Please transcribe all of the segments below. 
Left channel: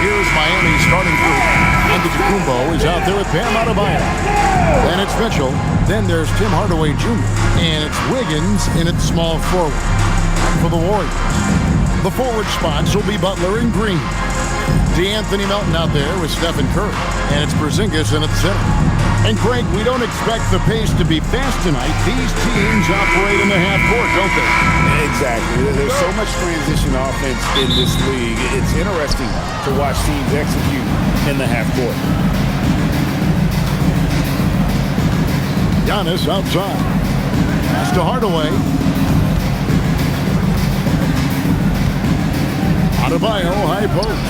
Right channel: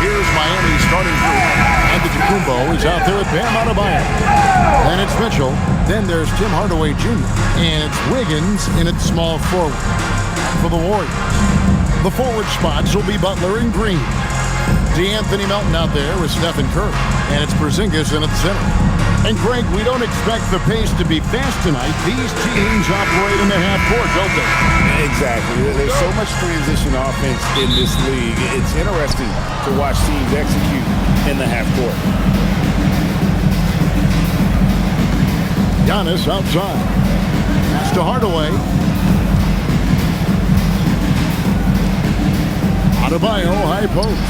here's Miami's starting group. Antetokounmpo is out there with Bam Adebayo. Then it's Mitchell. Then there's Tim Hardaway Jr. And it's Wiggins in its small forward. And for the Warriors, the forward spots will be Butler and Green. DeAnthony Melton out there with Stephen Curry. And it's Porzingis in at the center. And Greg, we don't expect the pace to be fast tonight. These teams operate in the half court, don't they? Exactly. There's so much transition offense in this league. It's interesting to watch teams execute in the half court. Giannis outside. Pass to Hardaway. Adebayo, high post.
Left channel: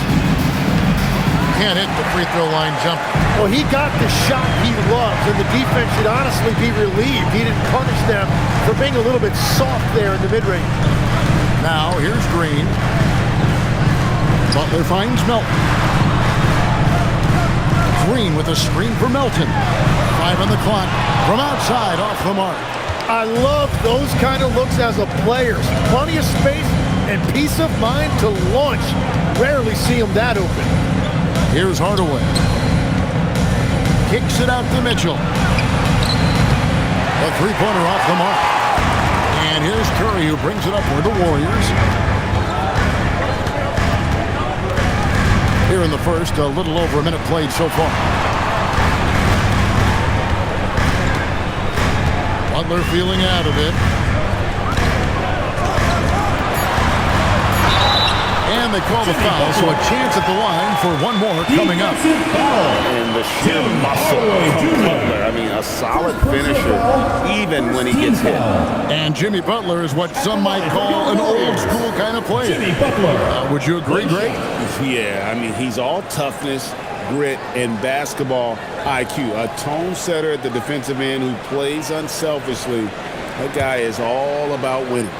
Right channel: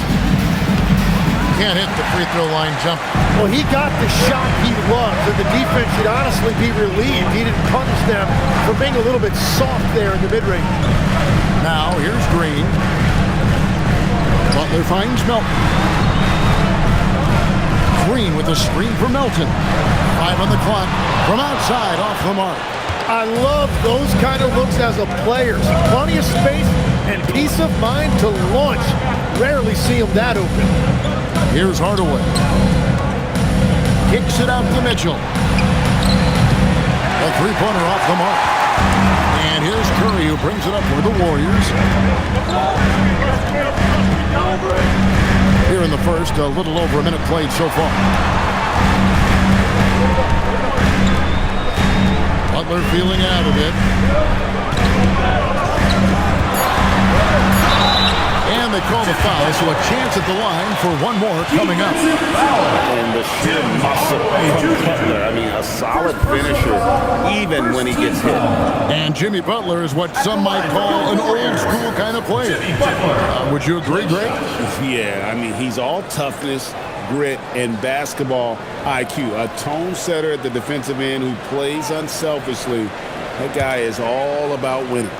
Can't hit the free throw line jump. Well, he got the shot he loves, and the defense should honestly be relieved. He didn't punish them for being a little bit soft there in the mid-range. Now, here's Green. Butler finds Melton. Green with a screen for Melton. 5 on the clock. From outside, off the mark. I love those kind of looks as a player. Plenty of space and peace of mind to launch. Rarely see him that open. Here's Hardaway. Kicks it out to Mitchell. A three-pointer off the mark. And here's Curry who brings it up for the Warriors. Here in the first, a little over a minute played so far. Butler feeling out of it. And they call the foul, so a chance at the line for one more coming up. And the sheer muscle from Butler. I mean, a solid finisher, even when he gets hit. And Jimmy Butler is what some might call an old-school kind of player. Would you agree, Greg? Yeah, I mean, he's all toughness, grit, and basketball IQ. A tone setter at the defensive end who plays unselfishly. That guy is all about winning.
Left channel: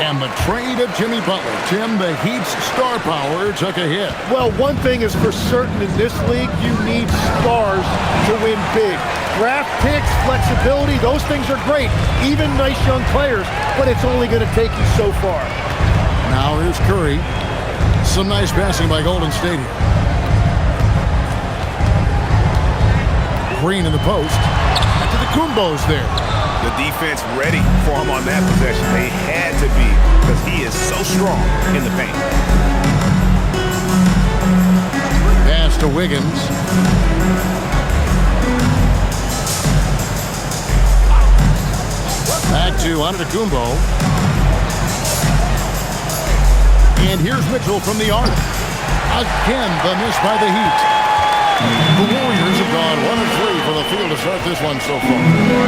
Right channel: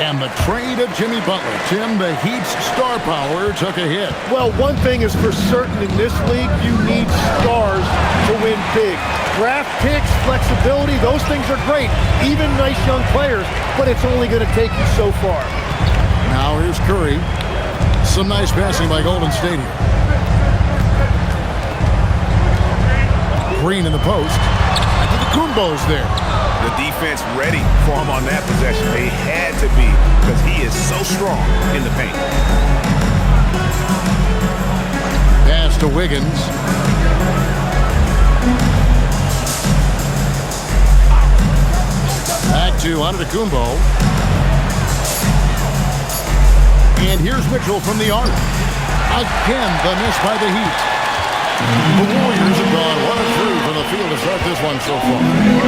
And the trade of Jimmy Butler. Tim, the Heat's star power took a hit. Well, one thing is for certain in this league, you need stars to win big. Draft picks, flexibility, those things are great. Even nice young players, but it's only going to take you so far. Now here's Curry. Some nice passing by Golden State here. Green in the post. Antetokounmpo's there. The defense ready for him on that possession. They had to be because he is so strong in the paint. Pass to Wiggins. Back to Antetokounmpo. And here's Mitchell from the arc. Again, the miss by the Heat. The Warriors have gone 1 of 3 for the field to start this one so far.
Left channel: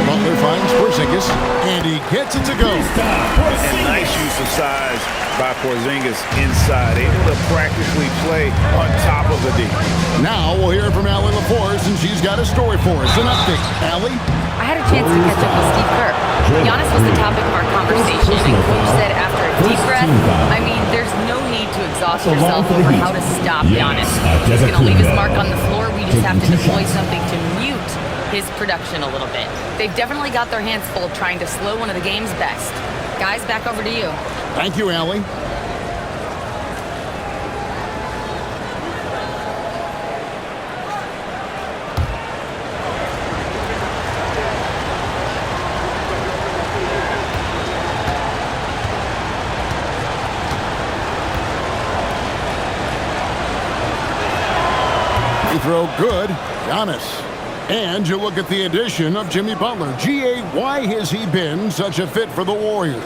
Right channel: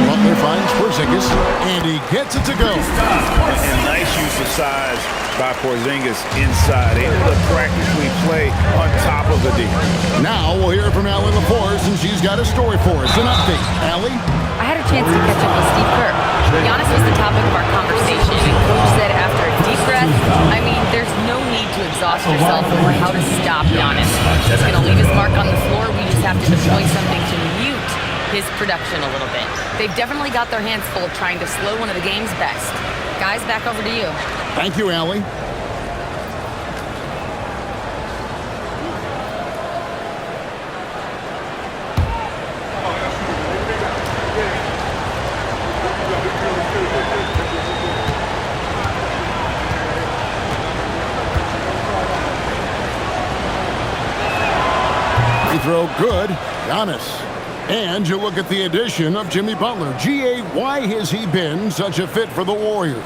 Butler finds Porzingis, and he gets it to go. And nice use of size by Porzingis inside, able to practically play on top of the D. Now we'll hear from Allie LaForce, and she's got a story for us. An update. Allie? I had a chance to catch up with Steve Kerr. Giannis was the topic of our conversation, and Coach said after a deep breath, I mean, there's no need to exhaust yourself over how to stop Giannis. He's going to leave his mark on the floor. We just have to deploy something to mute his production a little bit. They've definitely got their hands full trying to slow one of the game's best. Guys, back over to you. Thank you, Allie. Throw good, Giannis. And you look at the addition of Jimmy Butler. G.A., why has he been such a fit for the Warriors?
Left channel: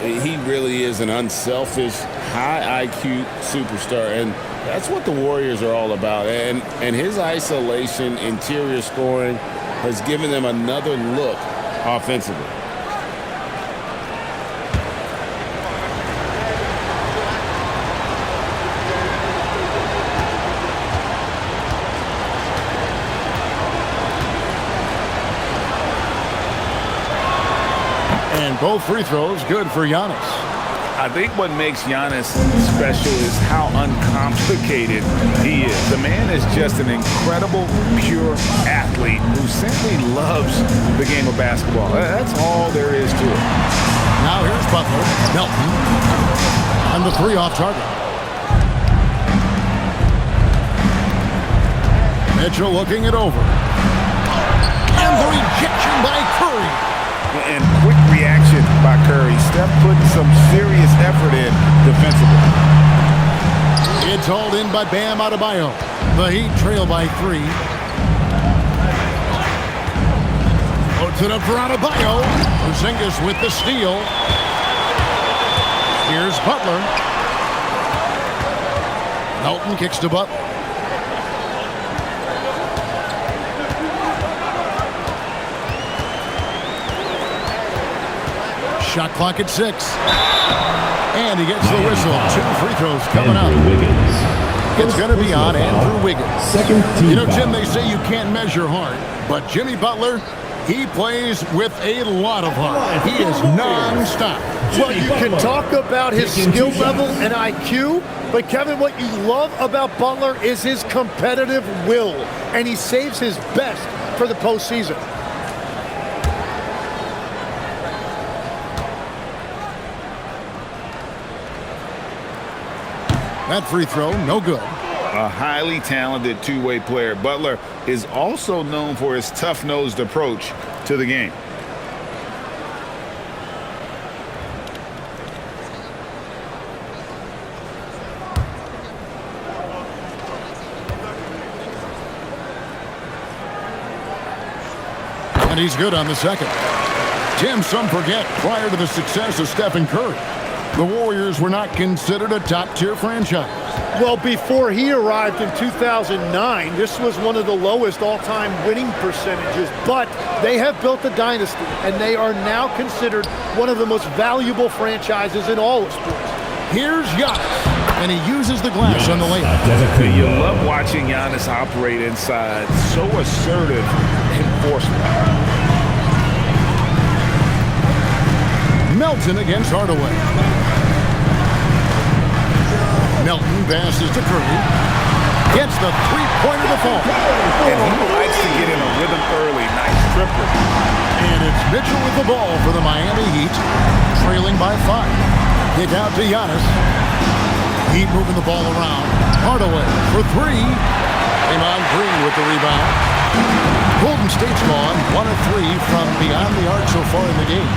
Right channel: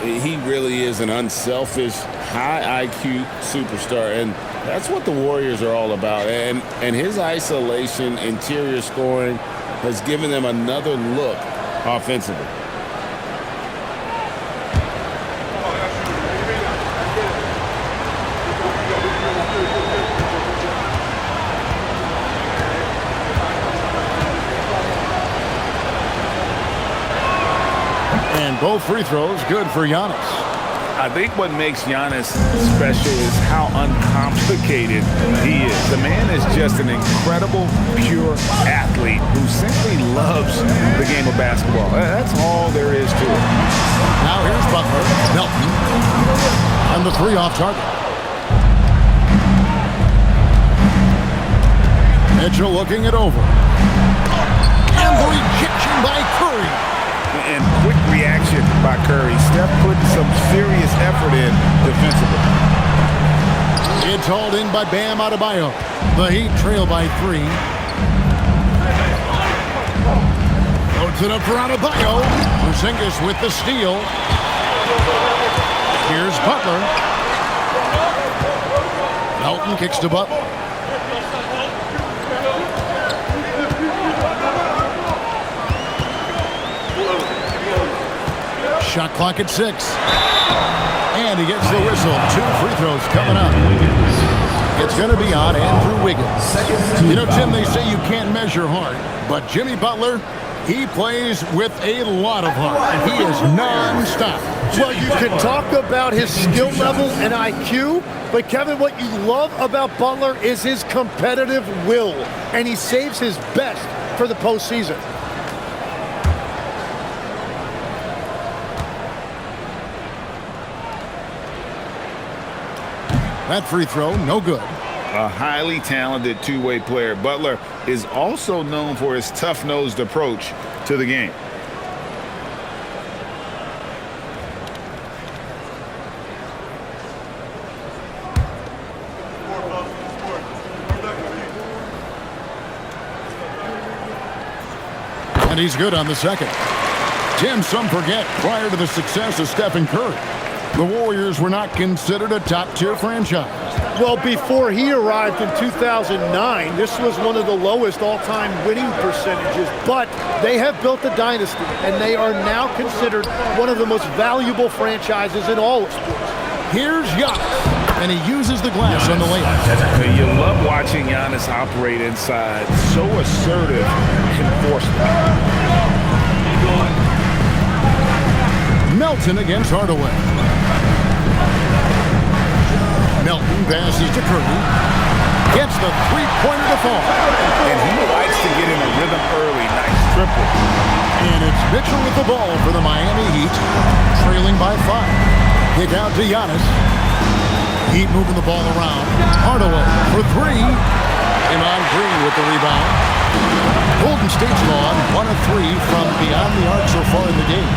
He really is an unselfish, high IQ superstar, and that's what the Warriors are all about. And his isolation, interior scoring has given them another look offensively. And both free throws good for Giannis. I think what makes Giannis special is how uncomplicated he is. The man is just an incredible, pure athlete who simply loves the game of basketball. That's all there is to it. Now here's Butler. Melton. And the three off target. Mitchell looking it over. And the rejection by Curry. And quick reaction by Curry. Steph putting some serious effort in defensively. It's hauled in by Bam Adebayo. The Heat trail by 3. Floats it up for Adebayo. Porzingis with the steal. Here's Butler. Melton kicks to Butler. Shot clock at 6. And he gets the whistle. 2 free throws coming up. It's going to be on Andrew Wiggins. You know, Jim, they say you can't measure heart, but Jimmy Butler, he plays with a lot of heart. He is non-stop. Well, you can talk about his skill level and IQ, but Kevin, what you love about Butler is his competitive will, and he saves his best for the postseason. That free throw, no good. A highly talented two-way player. Butler is also known for his tough-nosed approach to the game. And he's good on the second. Tim, some forget, prior to the success of Stephen Curry, the Warriors were not considered a top-tier franchise. Well, before he arrived in 2009, this was one of the lowest all-time winning percentages, but they have built a dynasty, and they are now considered one of the most valuable franchises in all of sports. Here's Giannis, and he uses the glass on the layup. You love watching Giannis operate inside. So assertive and forceful. Melton against Hardaway. Melton passes to Curry. Gets the three-pointer to fall. And he likes to get in a rhythm early. Nice triple. And it's Mitchell with the ball for the Miami Heat, trailing by 5. Kick out to Giannis. Heat moving the ball around. Hardaway for 3. Draymond Green with the rebound. Golden State's gone 1 of 3 from beyond the arc so far in the game.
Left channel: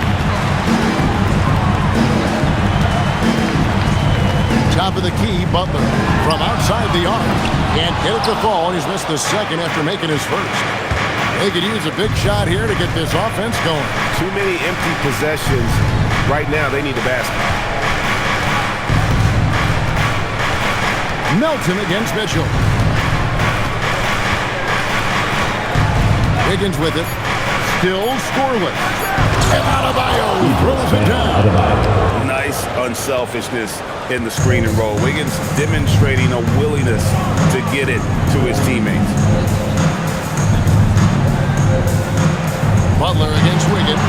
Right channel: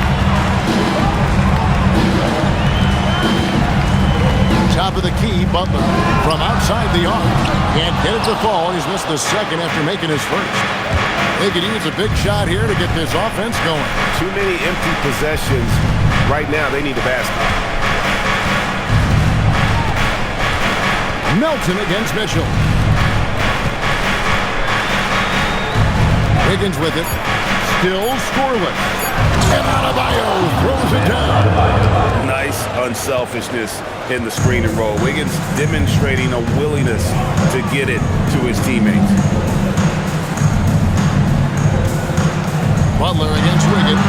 Top of the key, Butler from outside the arc. Can't get it to fall. He's missed the second after making his first. They could use a big shot here to get this offense going. Too many empty possessions. Right now, they need a basket. Melton against Mitchell. Wiggins with it. Still scoreless. And Adebayo throws it down. Nice unselfishness in the screen and roll. Wiggins demonstrating a willingness to get it to his teammates. Butler against Wiggins.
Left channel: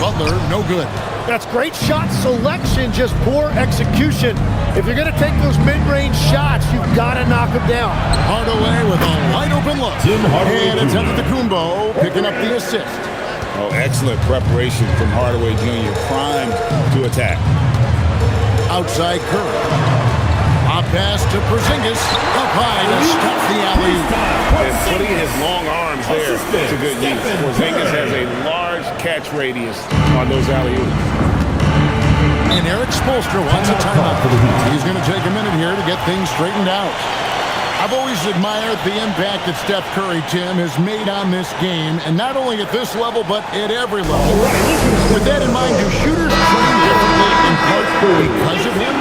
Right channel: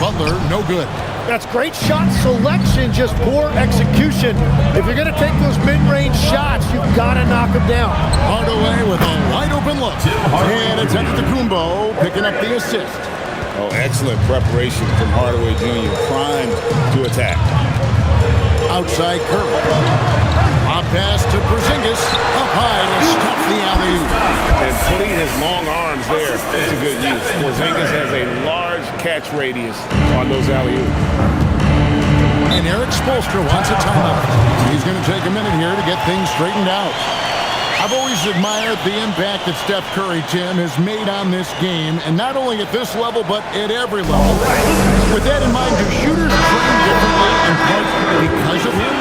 Butler, no good. That's great shot selection, just poor execution. If you're going to take those mid-range shots, you've got to knock them down. Hardaway with a wide-open look. And it's Antetokounmpo picking up the assist. Oh, excellent preparation from Hardaway Jr. Primed to attack. Outside Curry. A pass to Porzingis. Up high to stuff the alley-oop. And putting his long arms there to good use. Porzingis has a large catch radius on those alley-oops. And Eric Spoelstra wants a timeout. He's going to take a minute here to get things straightened out. I've always admired the impact that Steph Curry, Tim, has made on this game, and not only at this level, but at every level. With that in mind, do shooters train differently in part because of him?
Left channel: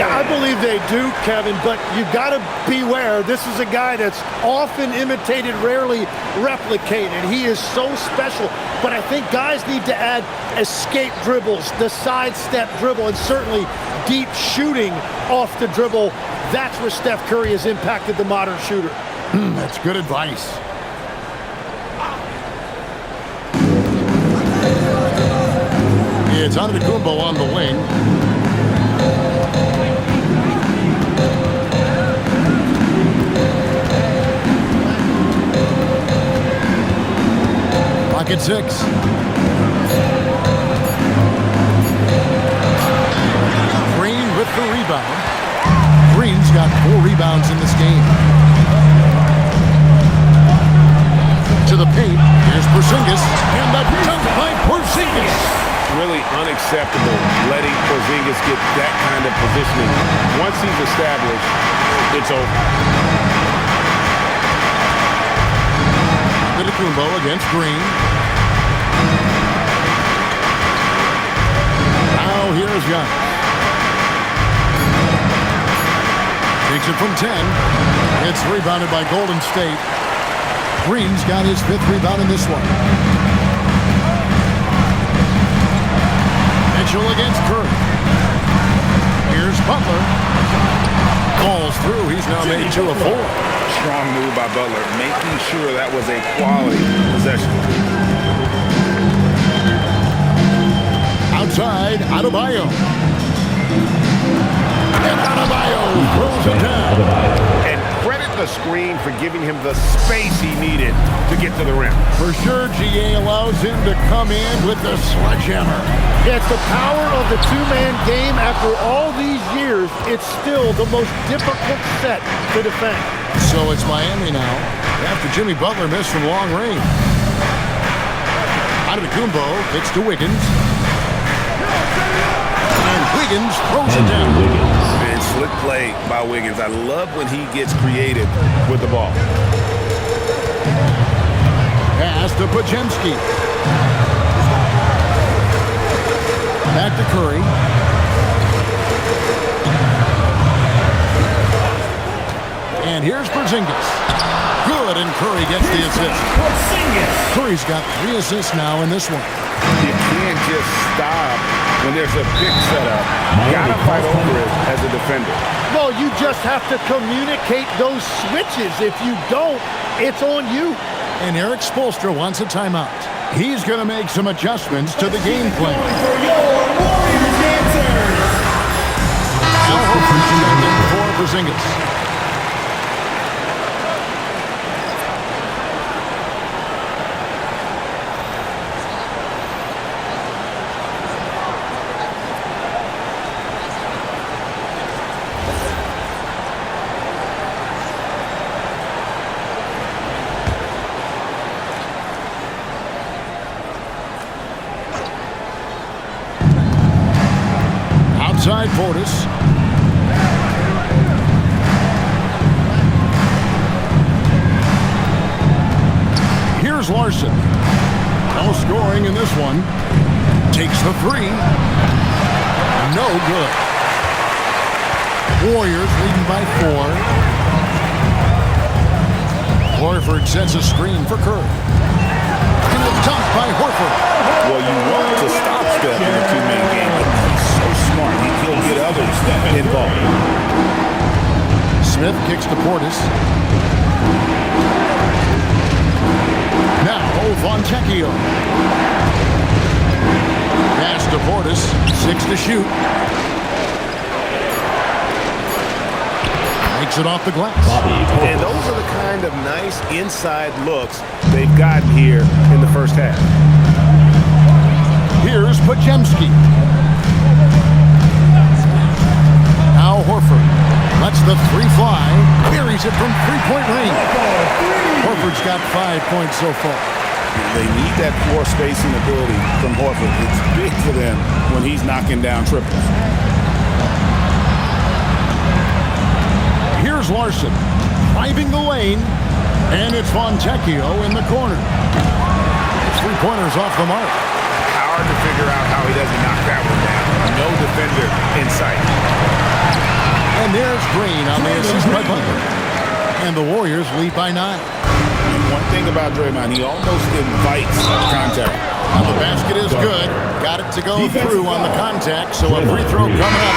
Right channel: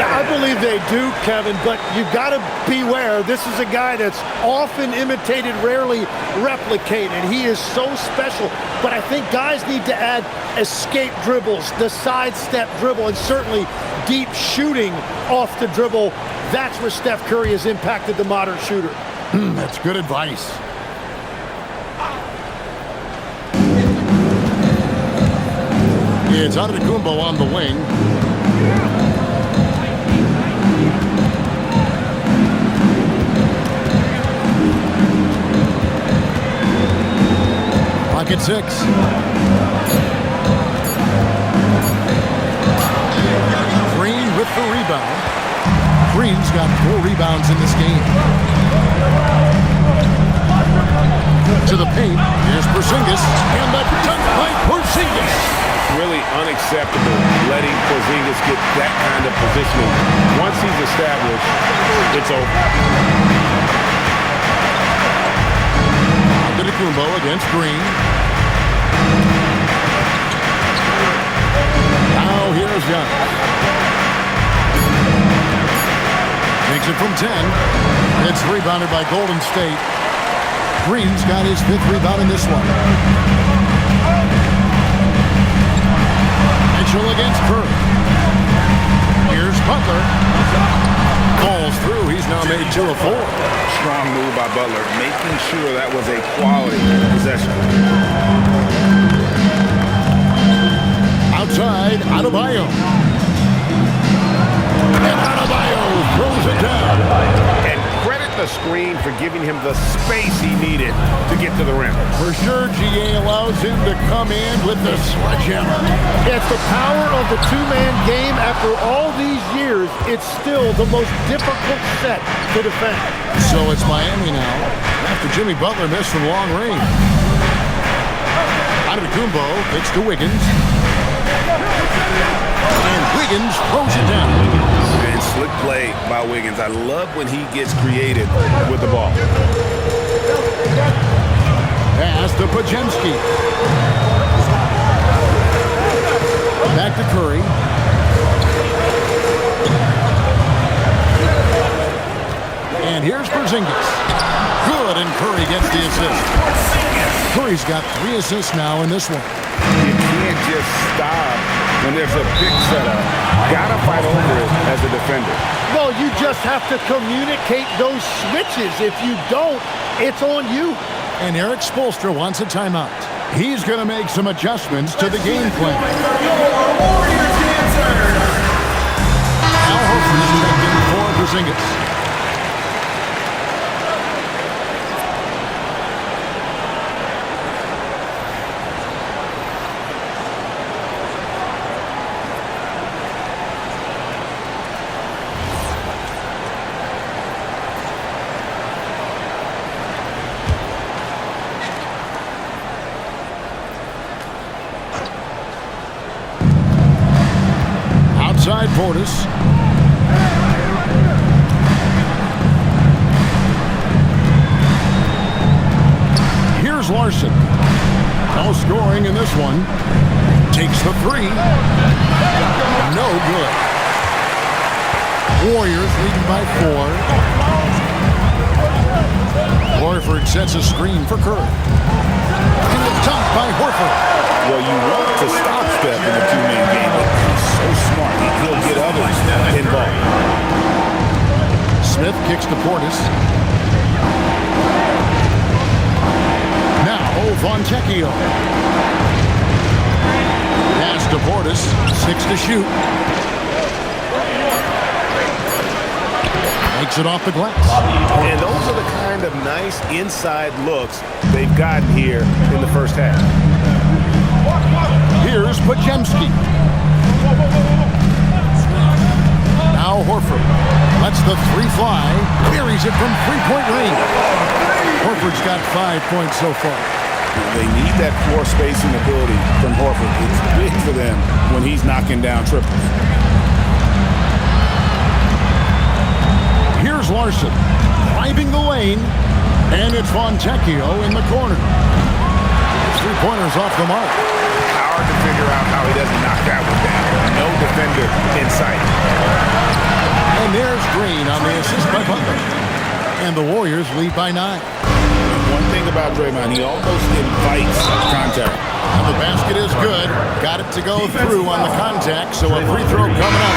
Yeah, I believe they do, Kevin, but you've got to beware. This is a guy that's often imitated, rarely replicated. He is so special, but I think guys need to add escape dribbles, the sidestep dribble, and certainly deep shooting off the dribble. That's where Steph Curry has impacted the modern shooter. That's good advice. It's Antetokounmpo on the wing. Pocket 6. Green with the rebound. Green's got 4 rebounds in this game. To the paint. Here's Porzingis. And the dunk by Porzingis. Really unacceptable letting Porzingis get that kind of positioning. Once he's established, it's over. Antetokounmpo against Green. Now here's Giannis. Takes it from 10. It's rebounded by Golden State. Green's got his 5th rebound in this one. Mitchell against Curry. Here's Butler. Falls through. He's now made 2 of 4. Strong move by Butler, making sure that was a quality possession. Outside, Adebayo. And Adebayo throws it down. And credit the screen for giving him the space he needed to get to the rim. For sure, GA allows him to come in with the sledgehammer. It's the power of the two-man game. After all these years, it's still the most difficult set to defend. So it's Miami now, after Jimmy Butler missed from long range. Antetokounmpo kicks to Wiggins. And Wiggins throws it down. And slick play by Wiggins. I love when he gets creative with the ball. Pass to Podziemski. Back to Curry. And here's Porzingis. Good, and Curry gets the assist. Curry's got 3 assists now in this one. You can't just stop when there's a pick set up. Gotta fight over it as a defender. Well, you just have to communicate those switches. If you don't, it's on you. And Eric Spoelstra wants a timeout. He's going to make some adjustments to the game plan. Al Horford's checked in for Porzingis. Outside Portis. Here's Larson. No scoring in this one. Takes the 3. No good. Warriors leading by 4. Horford sets a screen for Curry. And a dunk by Horford. Well, you want to stop Steph in the two-man game, but he's so smart. He'll get others involved. Smith kicks to Portis. Now, Fontecchio. Pass to Portis. 6 to shoot. Makes it off the glass. And those are the kind of nice inside looks they've gotten here in the first half. Here's Podziemski. Now Horford lets the 3 fly. Buries it from 3-point range. Horford's got 5 points so far. They need that floor spacing ability from Horford. It's big for them when he's knocking down triples. Here's Larson driving the lane. And it's Fontecchio in the corner. 3-pointers off the mark. Hard to figure out how he doesn't knock that one down. No defender in sight. And there's Green on the assist by Butler. And the Warriors lead by 9. One thing about Draymond, he almost invites contact. And the basket is good. Got it to go through on the contact, so a free throw coming up.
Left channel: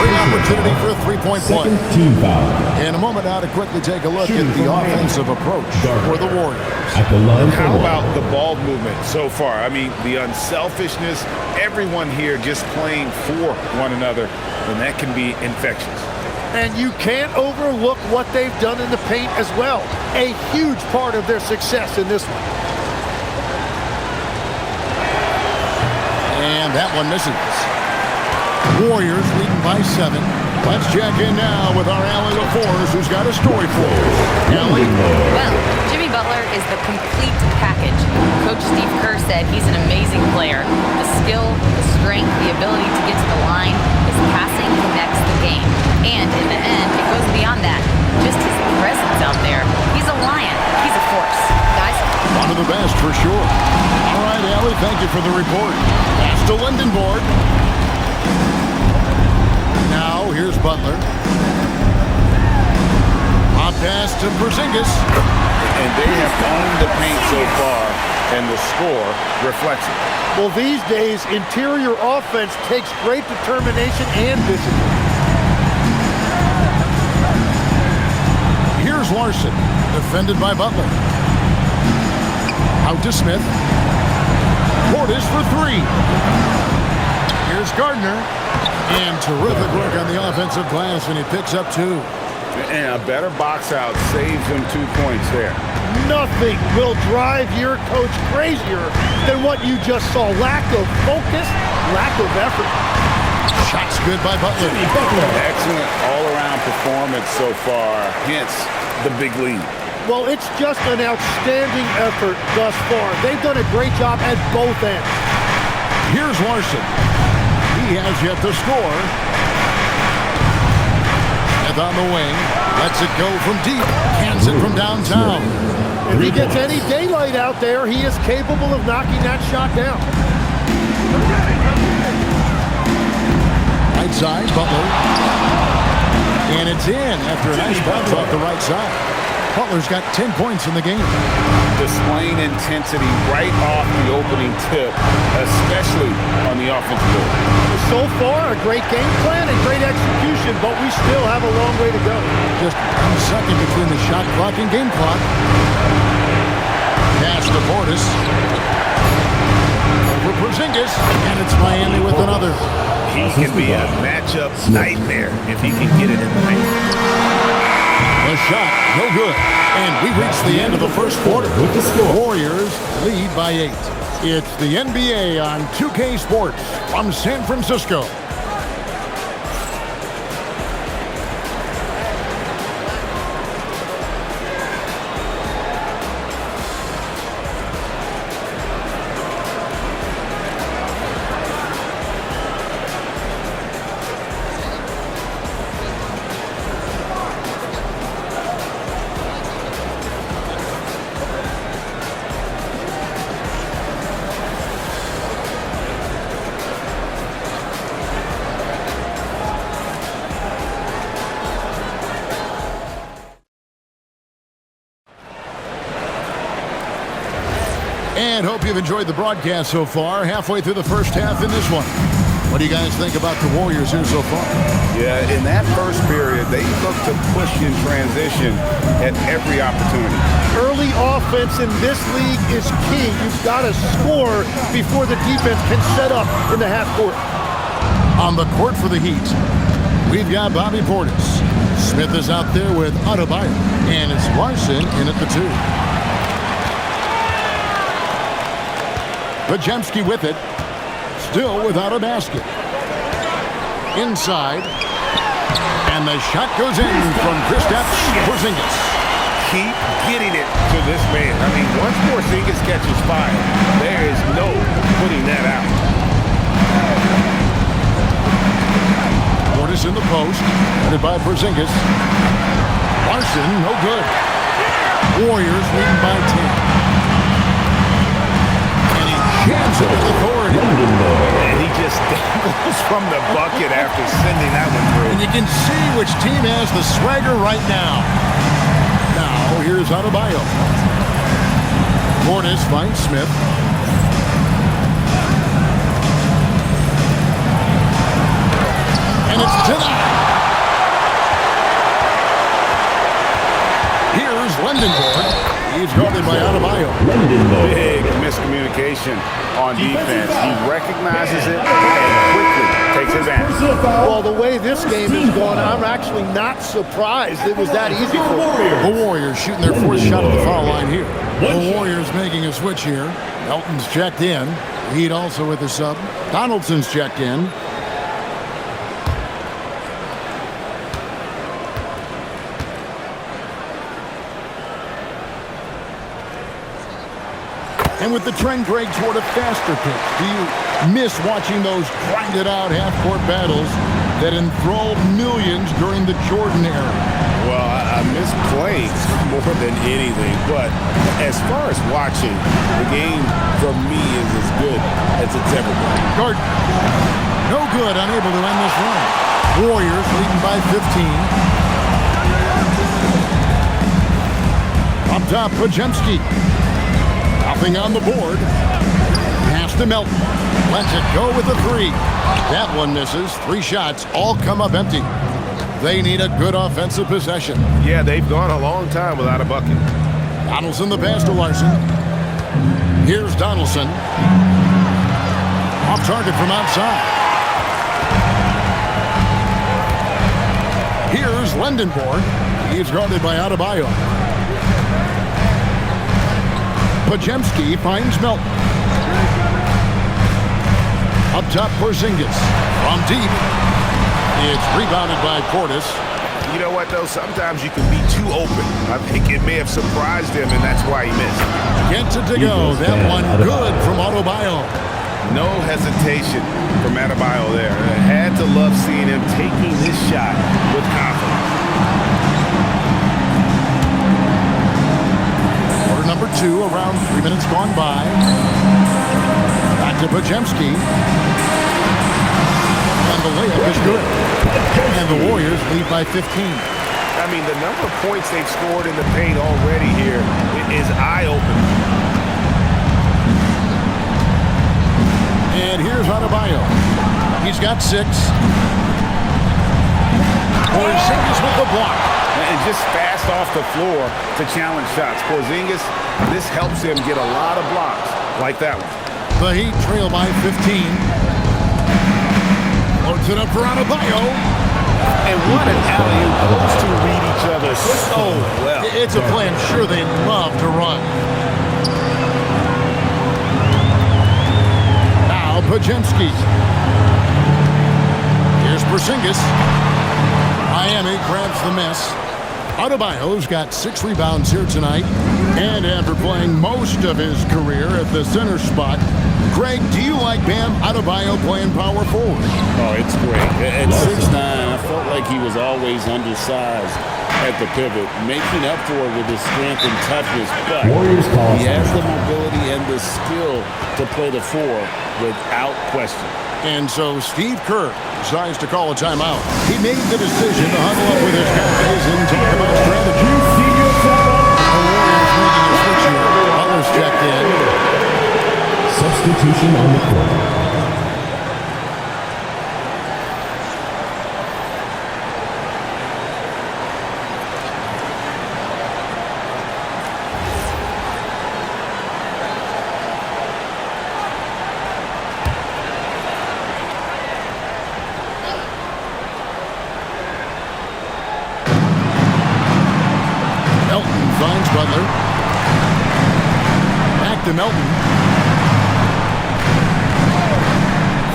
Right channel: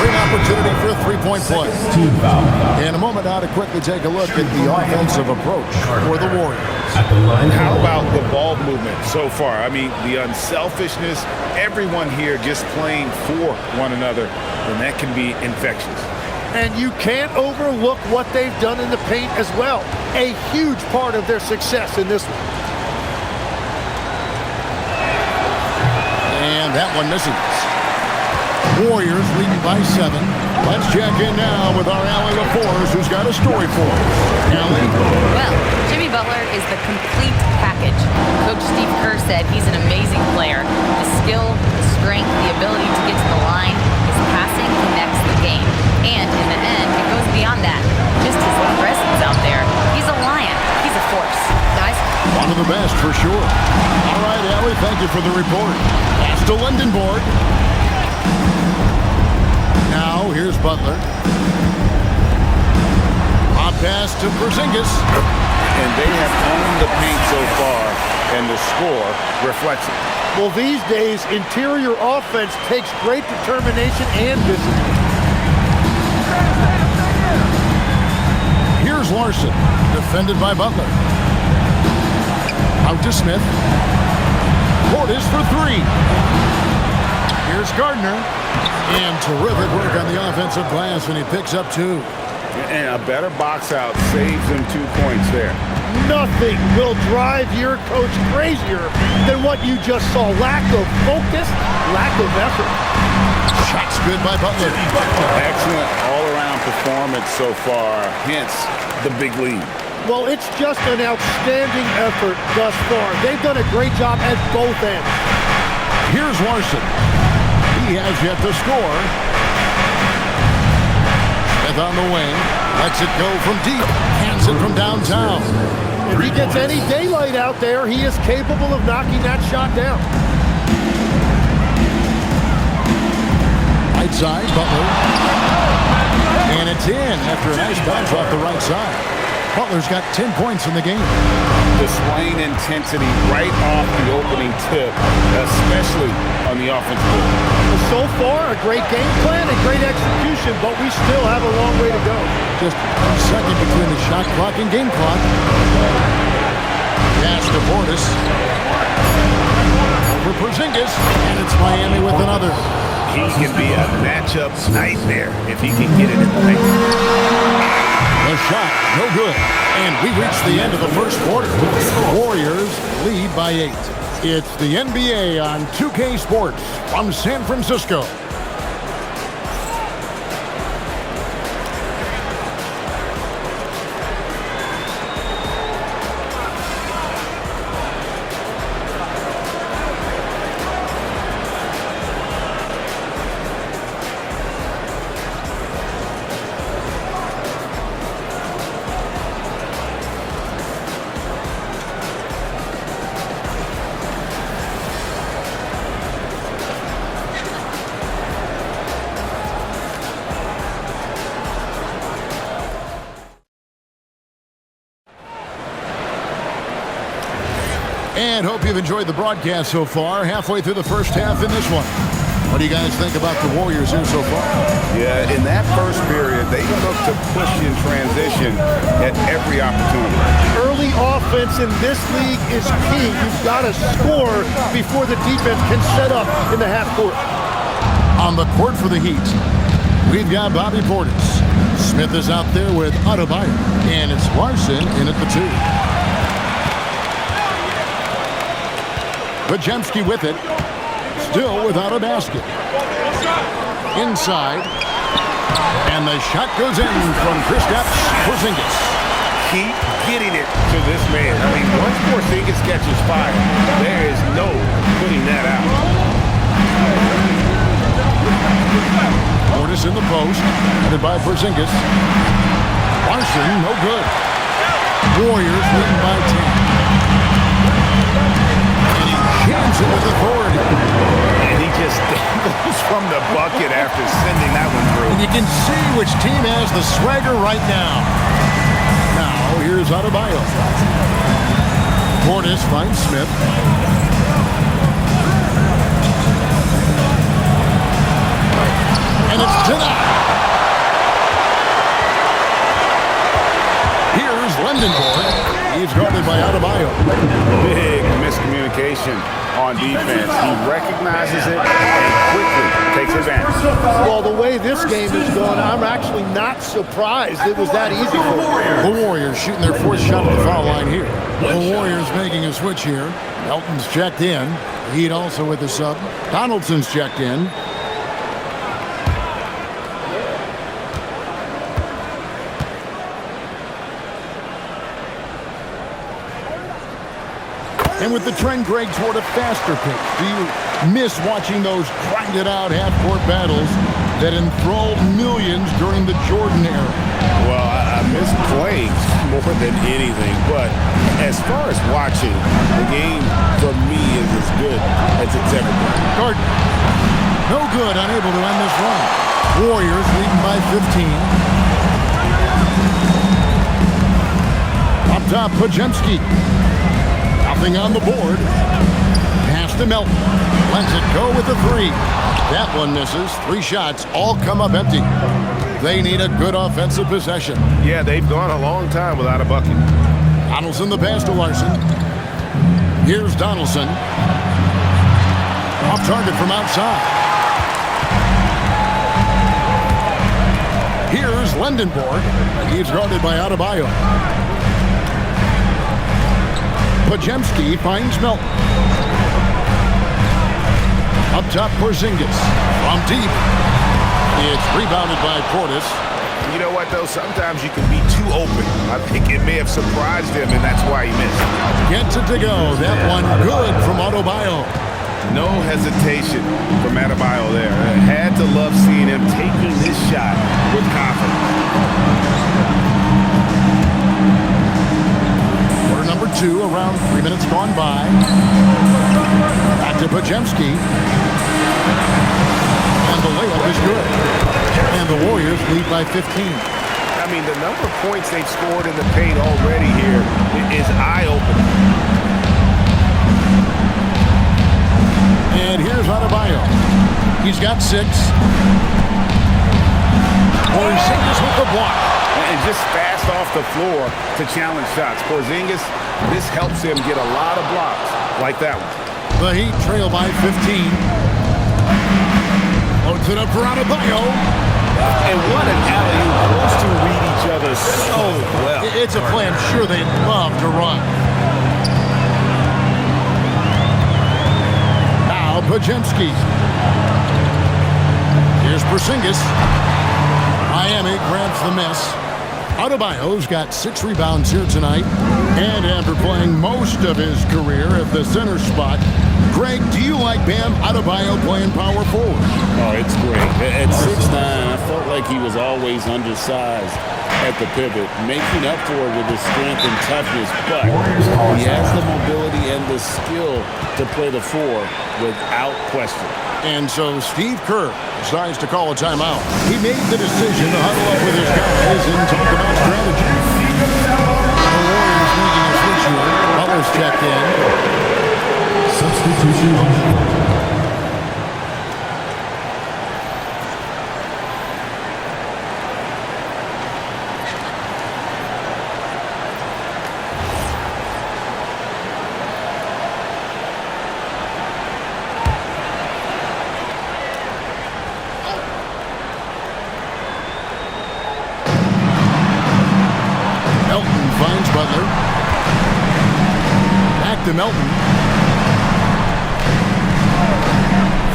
Great opportunity for a three-point play. Team foul. In a moment now to quickly take a look at the offensive approach for the Warriors. At the line. How about the ball movement so far? I mean, the unselfishness, everyone here just playing for one another, and that can be infectious. And you can't overlook what they've done in the paint as well. A huge part of their success in this one. And that one misses. Warriors leading by 7. Let's check in now with our Allie LaForce, who's got a story for us. Allie? Well, Jimmy Butler is the complete package. Coach Steve Kerr said he's an amazing player. The skill, the strength, the ability to get to the line, his passing connects the game. And in the end, it goes beyond that. Just his presence out there. He's a lion. He's a force. Guys? One of the best, for sure. All right, Allie, thank you for the report. Pass to Lindenborg. Now, here's Butler. Hot pass to Porzingis. And they have owned the paint so far, and the score reflects it. Well, these days, interior offense takes great determination and discipline. Here's Larson, defended by Butler. Out to Smith. Portis for 3. Here's Gardner. And terrific work on the offensive glass, and he picks up 2. And a better box out saves them 2 points there. Nothing will drive your coach crazier than what you just saw. Lack of focus, lack of effort. Shots good by Butler. Excellent all-around performance so far, hence the big lead. Well, it's just an outstanding effort thus far. They've done a great job at both ends. Here's Larson. He has yet to score. Smith on the wing. Lets it go from deep. Cans it from downtown. If he gets any daylight out there, he is capable of knocking that shot down. Right side, Butler. And it's in after a nice bounce off the right side. Butler's got 10 points in the game. Displaying intensity right off the opening tip, especially on the offensive end. So far, a great game plan and great execution, but we still have a long way to go. Just 1 second between the shot clock and game clock. Pass to Portis. Over Porzingis, and it's Miami with another. He can be a matchup nightmare if he can get it in the paint. The shot, no good. And we reach the end of the first quarter. Warriors lead by 8. It's the NBA on 2K Sports from San Francisco. And hope you've enjoyed the broadcast so far. Halfway through the first half in this one. What do you guys think about the Warriors here so far? Yeah, in that first period, they look to push in transition at every opportunity. Early offense in this league is key. You've got to score before the defense can set up in the half court. On the court for the Heat, we've got Bobby Portis. Smith is out there with Adebayo. And it's Larson in at the 2. Podziemski with it. Still without a basket. Inside. And the shot goes in from Kristaps Porzingis. Keep getting it to this man. I mean, once Porzingis catches fire, there is no putting that out. Portis in the post. Headed by Porzingis. Larson, no good. Warriors leading by 10. Jams it with authority. And he just dangles from the bucket after sending that one through. And you can see which team has the swagger right now. Now, here's Adebayo. Portis finds Smith. And it's denied. Here's Lendenborg. He's guarded by Adebayo. Big miscommunication on defense. He recognizes it and quickly takes advantage. Well, the way this game is going, I'm actually not surprised it was that easy for them. The Warriors shooting their fourth shot at the foul line here. The Warriors making a switch here. Melton's checked in. Heat also with the sub. Donaldson's checked in. And with the trend, Greg, toward a faster pitch, do you miss watching those grinded-out half-court battles that enthralled millions during the Jordan era? Well, I miss playing more than anything, but as far as watching, the game for me is as good as it's ever been. Gordon, no good, unable to end this run. Warriors leading by 15. Up top, Pajemski. Nothing on the board. Pass to Melton. Lets it go with the three. That one misses. 3 shots all come up empty. They need a good offensive possession. Yeah, they've gone a long time without a bucket. Donaldson the pass to Larson. Here's Donaldson. Off target from outside. Here's Lendenborg. He's guarded by Adebayo. Pajemski finds Melton. Up top, Porzingis. From deep. It's rebounded by Portis. You know what, though? Sometimes you can be too open. I think it may have surprised him, and that's why he missed. Gets it to go. That one good from Adebayo. No hesitation from Adebayo there. I had to love seeing him taking this shot with confidence. Number 2, around 3 minutes gone by. Back to Pajemski. And the layup is good. And the Warriors lead by 15. I mean, the number of points they've scored in the paint already here is eye-opening. And here's Adebayo. He's got 6. Porzingis with the block. And just fast off the floor to challenge shots. Porzingis, this helps him get a lot of blocks like that one. The Heat trail by 15. Loads it up for Adebayo. And what an alley-oop. Those two read each other so well. It's a play I'm sure they'd love to run. Now Pajemski. Here's Porzingis. Miami grabs the miss. Adebayo's got 6 rebounds here tonight. And after playing most of his career at the center spot, Greg, do you like Bam Adebayo playing power forward? Oh, it's great. At 6'9", I felt like he was always undersized at the pivot, making up for it with his strength and toughness, but he has the mobility and the skill to play the 4 without question. And so Steve Kerr decides to call a timeout. He made the decision to huddle up with his guys and talk about strategy. The Warriors making a switch here. Butler's checked in. Substitution on the court. Melton finds Butler. Back to Melton.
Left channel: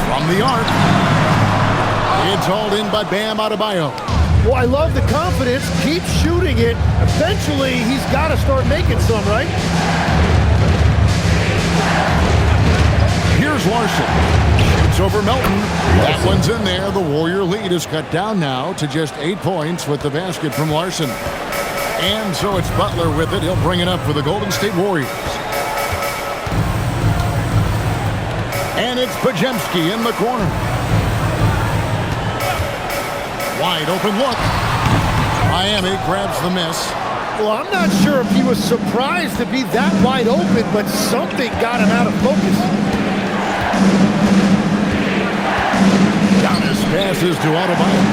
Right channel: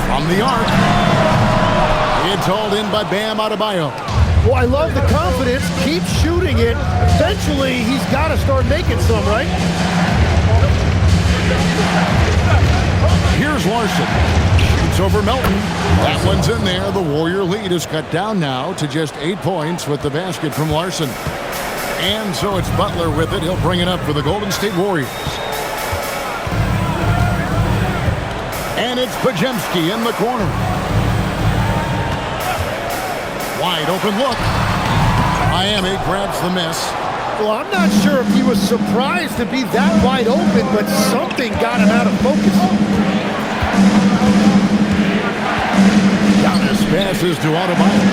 From the arc. It's hauled in by Bam Adebayo. Well, I love the confidence. Keep shooting it. Eventually, he's got to start making some, right? Here's Larson. Shoots over Melton. That one's in there. The Warrior lead is cut down now to just 8 points with the basket from Larson. And so it's Butler with it. He'll bring it up for the Golden State Warriors. And it's Pajemski in the corner. Wide open look. Miami grabs the miss. Well, I'm not sure if he was surprised to be that wide open, but something got him out of focus. Giannis passes to Adebayo.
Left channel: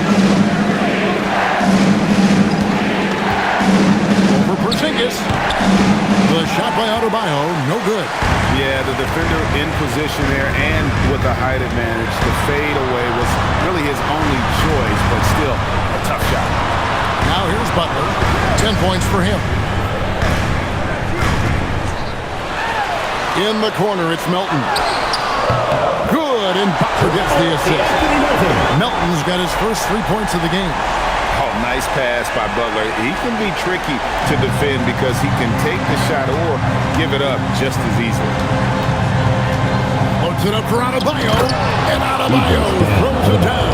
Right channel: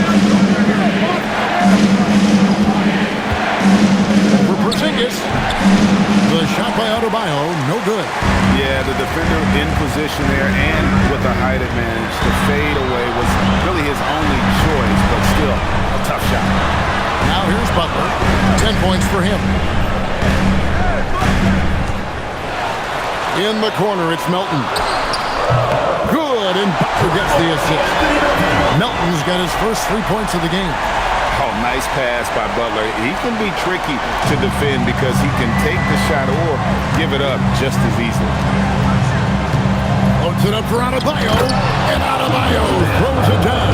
Over Porzingis. The shot by Adebayo, no good. Yeah, the defender in position there and with the height advantage. The fade away was really his only choice, but still a tough shot. Now here's Butler. 10 points for him. In the corner, it's Melton. Good, and Butler gets the assist. Melton's got his first 3 points of the game. Oh, nice pass by Butler. He can be tricky to defend because he can take the shot or give it up just as easily. Floats it up for Adebayo, and Adebayo throws it down.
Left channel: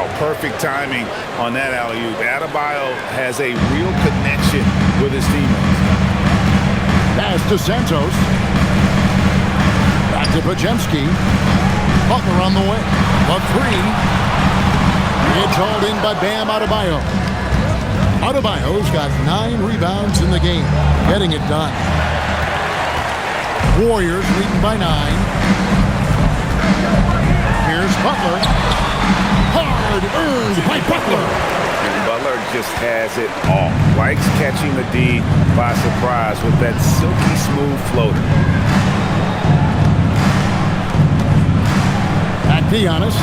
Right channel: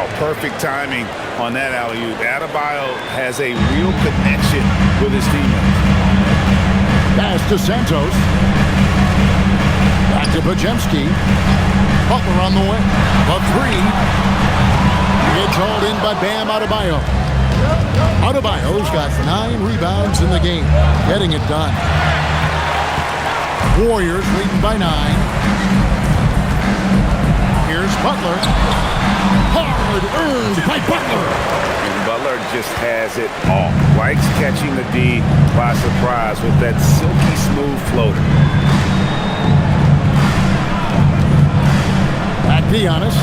Oh, perfect timing on that alley-oop. Adebayo has a real connection with his teammates. Pass to Santos. Back to Podziemski. Butler on the way. The three. It's hauled in by Bam Adebayo. Adebayo's got 9 rebounds in the game, getting it done. Warriors leading by 9. Here's Butler. Hard earned by Butler. And Butler just has it all. Likes catching the D by surprise with that silky smooth floater. Back to Giannis.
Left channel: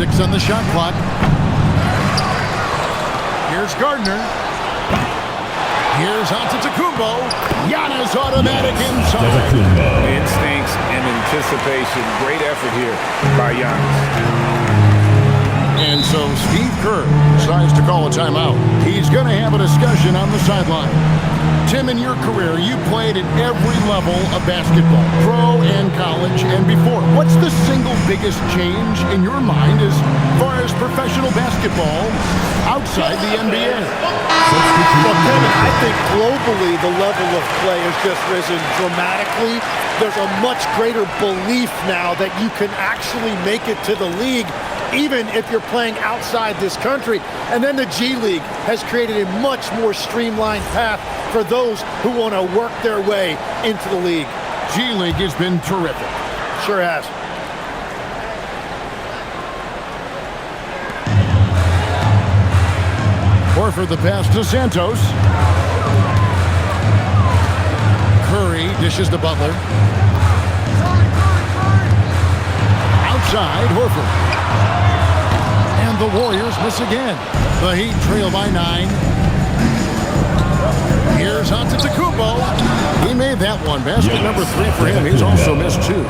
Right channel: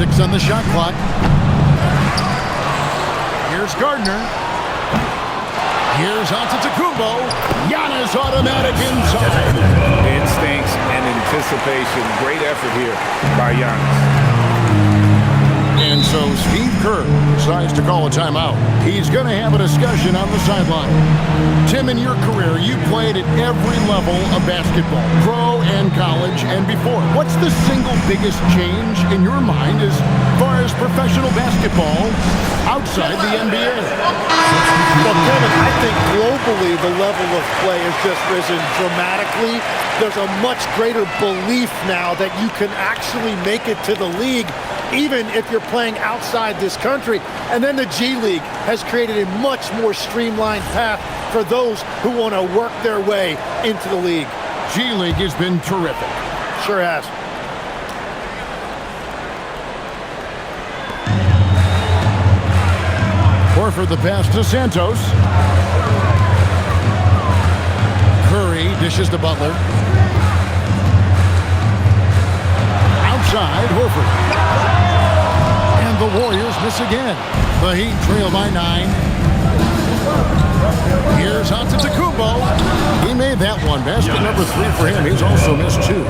Six on the shot clock. Here's Gardner. Here's Antetokounmpo. Giannis automatic inside. Instincts and anticipation. Great effort here by Giannis. And so Steve Kerr decides to call a timeout. He's going to have a discussion on the sideline. Tim, in your career, you played at every level of basketball, pro and college and before. What's the single biggest change in your mind as far as professional basketball outside the NBA? Well, Kevin, I think globally the level of play has just risen dramatically. There's a much greater belief now that you can actually make it to the league even if you're playing outside this country. And then the G League has created a much more streamlined path for those who want to work their way into the league. G League has been terrific. Sure has. Horford the pass to Santos. Curry dishes to Butler. Outside, Horford. And the Warriors miss again. The Heat trail by 9. Here's Antetokounmpo. He made that one. Basket number 3 for him. He's also missed 2.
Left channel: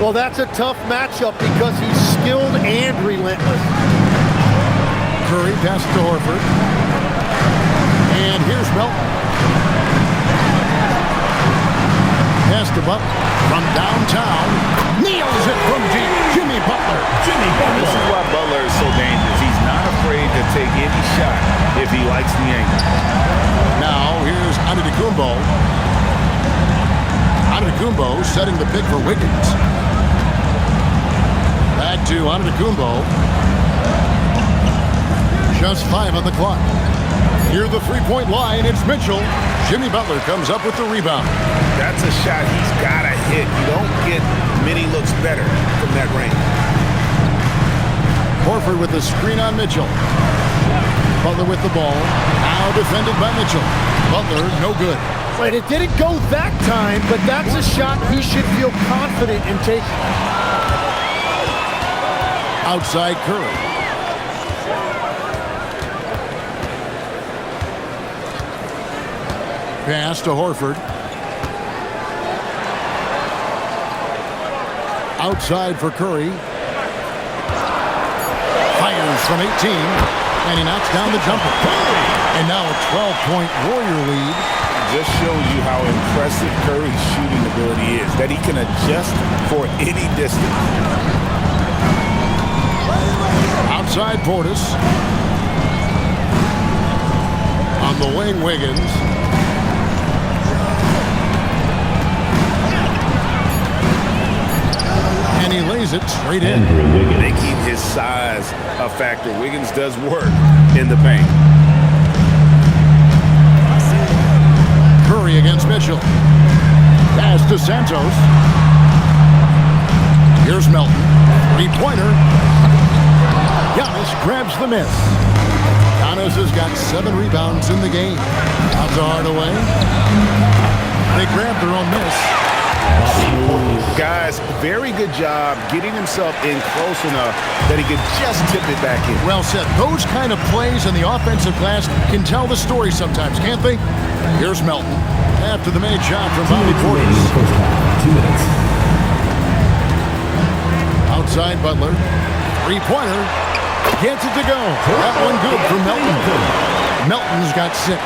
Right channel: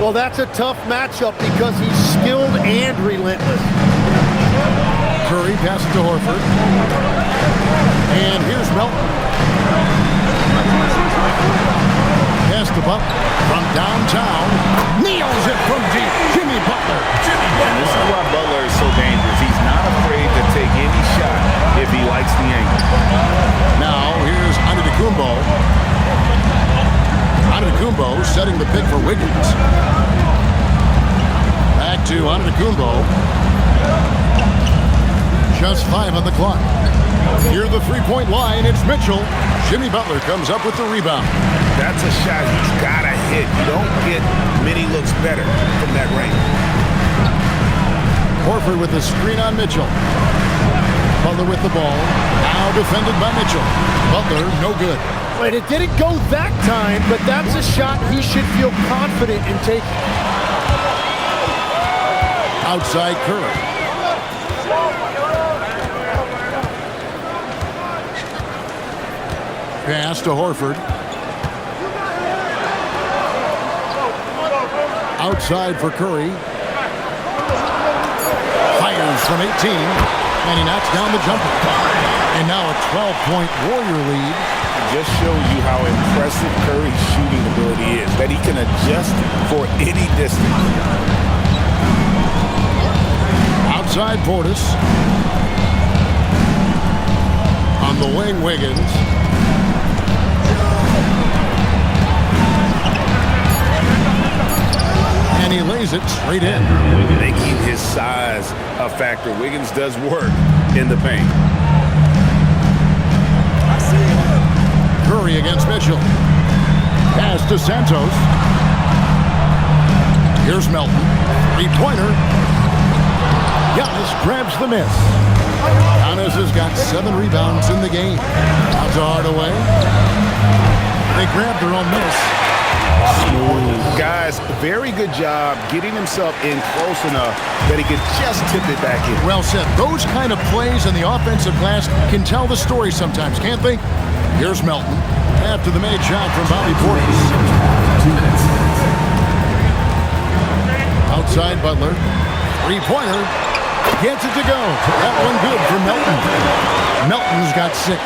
Well, that's a tough matchup because he's skilled and relentless. Curry passes to Horford. And here's Melton. Pass to Butler from downtown. Nails it from deep. Jimmy Butler. And this is why Butler is so dangerous. He's not afraid to take any shot if he likes the angle. Now here's Antetokounmpo. Antetokounmpo setting the pick for Wiggins. Back to Antetokounmpo. Just 5 on the clock. Near the three-point line, it's Mitchell. Jimmy Butler comes up with the rebound. That's a shot he's got to hit. You don't get many looks better from that range. Horford with the screen on Mitchell. Butler with the ball. Now defended by Mitchell. Butler, no good. Wait, it didn't go that time, but that's a shot he should feel confident in taking. Outside Curry. Pass to Horford. Outside for Curry. Fires from 18. And he knocks down the jumper. And now a 12-point Warrior lead. Just shows you how impressive Curry's shooting ability is, that he can adjust for any distance. Outside Portis. On the wing, Wiggins. And he lays it straight in. Making his size a factor. Wiggins does work in the paint. Curry against Mitchell. Pass to Santos. Here's Melton. Three-pointer. Giannis grabs the miss. Giannis has got 7 rebounds in the game. Out to Hardaway. They grab their own miss. Guys, very good job getting himself in close enough that he could just tip it back in. Well said. Those kind of plays in the offensive glass can tell the story sometimes, can't they? Here's Melton after the made shot from Bobby Portis. 2 minutes. Outside Butler. Three-pointer. Gets it to go. That one good for Melton. Melton's got 6.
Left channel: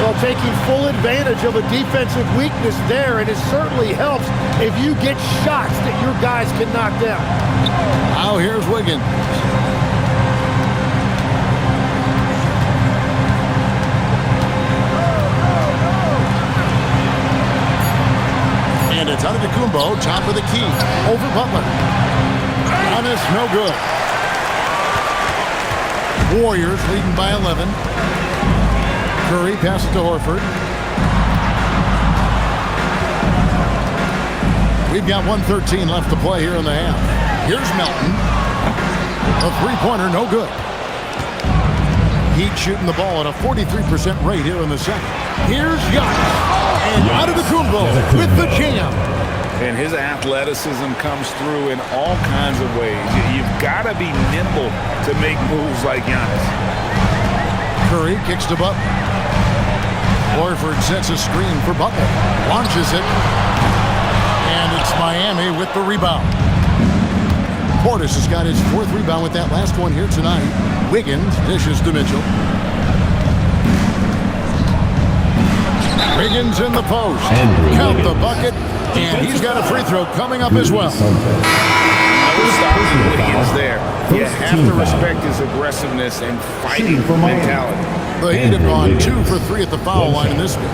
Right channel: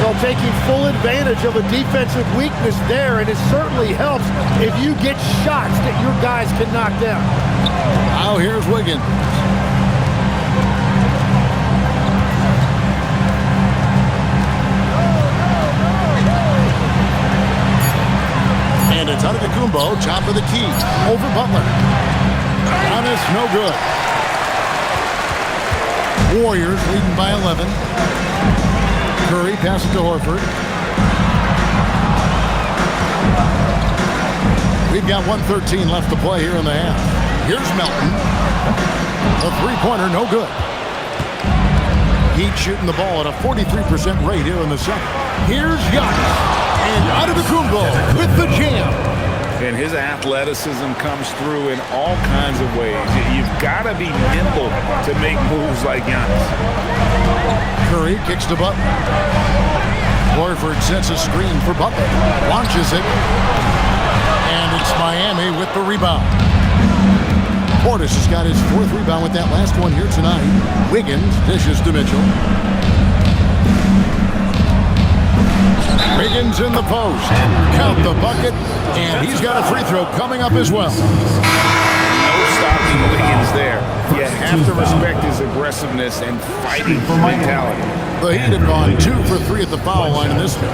Well, taking full advantage of a defensive weakness there, and it certainly helps if you get shots that your guys can knock down. Now here's Wiggins. And it's Antetokounmpo, top of the key, over Butler. Giannis, no good. Warriors leading by 11. Curry passes to Horford. We've got 1:13 left to play here in the half. Here's Melton. A three-pointer, no good. Heat shooting the ball at a 43% rate here in the second. Here's Giannis. And Antetokounmpo with the jam. And his athleticism comes through in all kinds of ways. You've got to be nimble to make moves like Giannis. Curry kicks to Butler. Horford sets a screen for Butler. Launches it. And it's Miami with the rebound. Portis has got his 4th rebound with that last one here tonight. Wiggins dishes to Mitchell. Wiggins in the post. Count the bucket. And he's got a free throw coming up as well. No stopping Wiggins there. You have to respect his aggressiveness and fighting mentality. The Heat have gone 2 for 3 at the foul line in this game.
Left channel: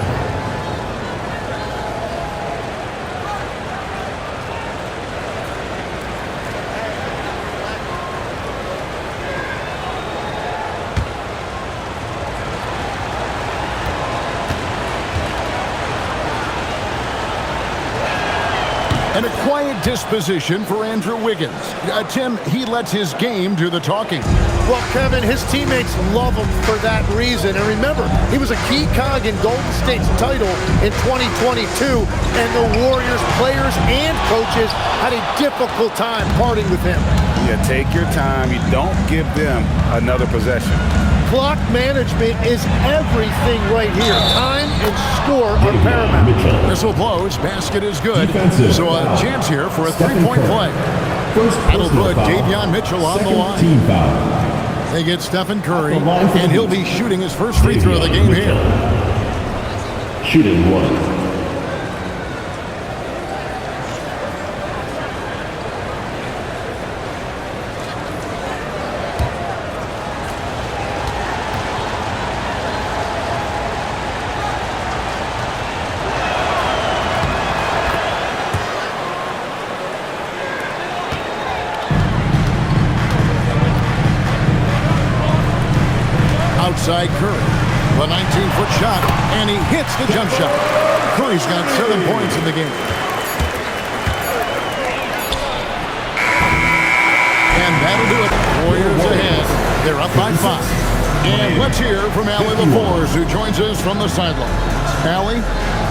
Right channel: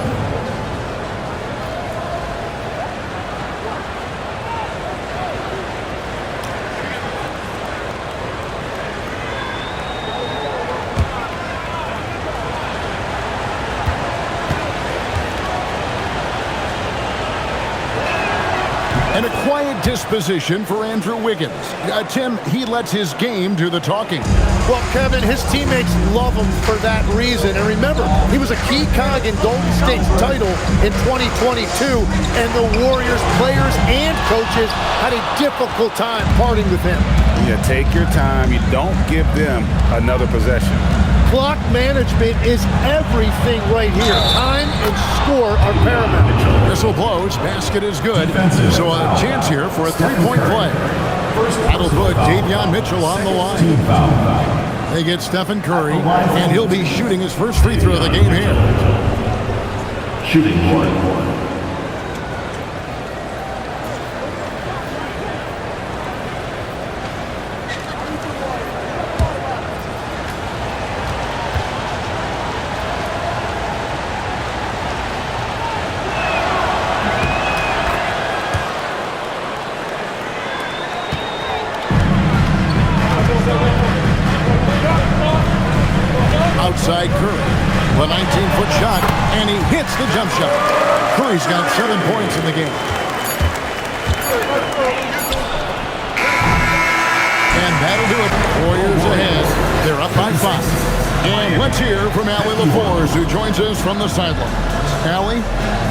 And a quiet disposition for Andrew Wiggins. Tim, he lets his game do the talking. Well, Kevin, his teammates love him for that reason. And remember, he was a key cog in Golden State's title in 2022, and the Warriors players and coaches had a difficult time parting with him. Yeah, take your time. You don't give them another possession. Clock management is everything right here. Time and score are paramount. Whistle blows. Basket is good. So a chance here for a three-point play. That'll put Davion Mitchell on the line. They get Stephen Curry, and he'll be shooting his first free throw of the game here. Shooting 1. Outside Curry, the 19-foot shot, and he hits the jump shot. Curry's got 7 points in the game. And that'll do it. Warriors ahead. They're up by 5. And let's hear from Allie LaForce, who joins us from the sidelines. Allie?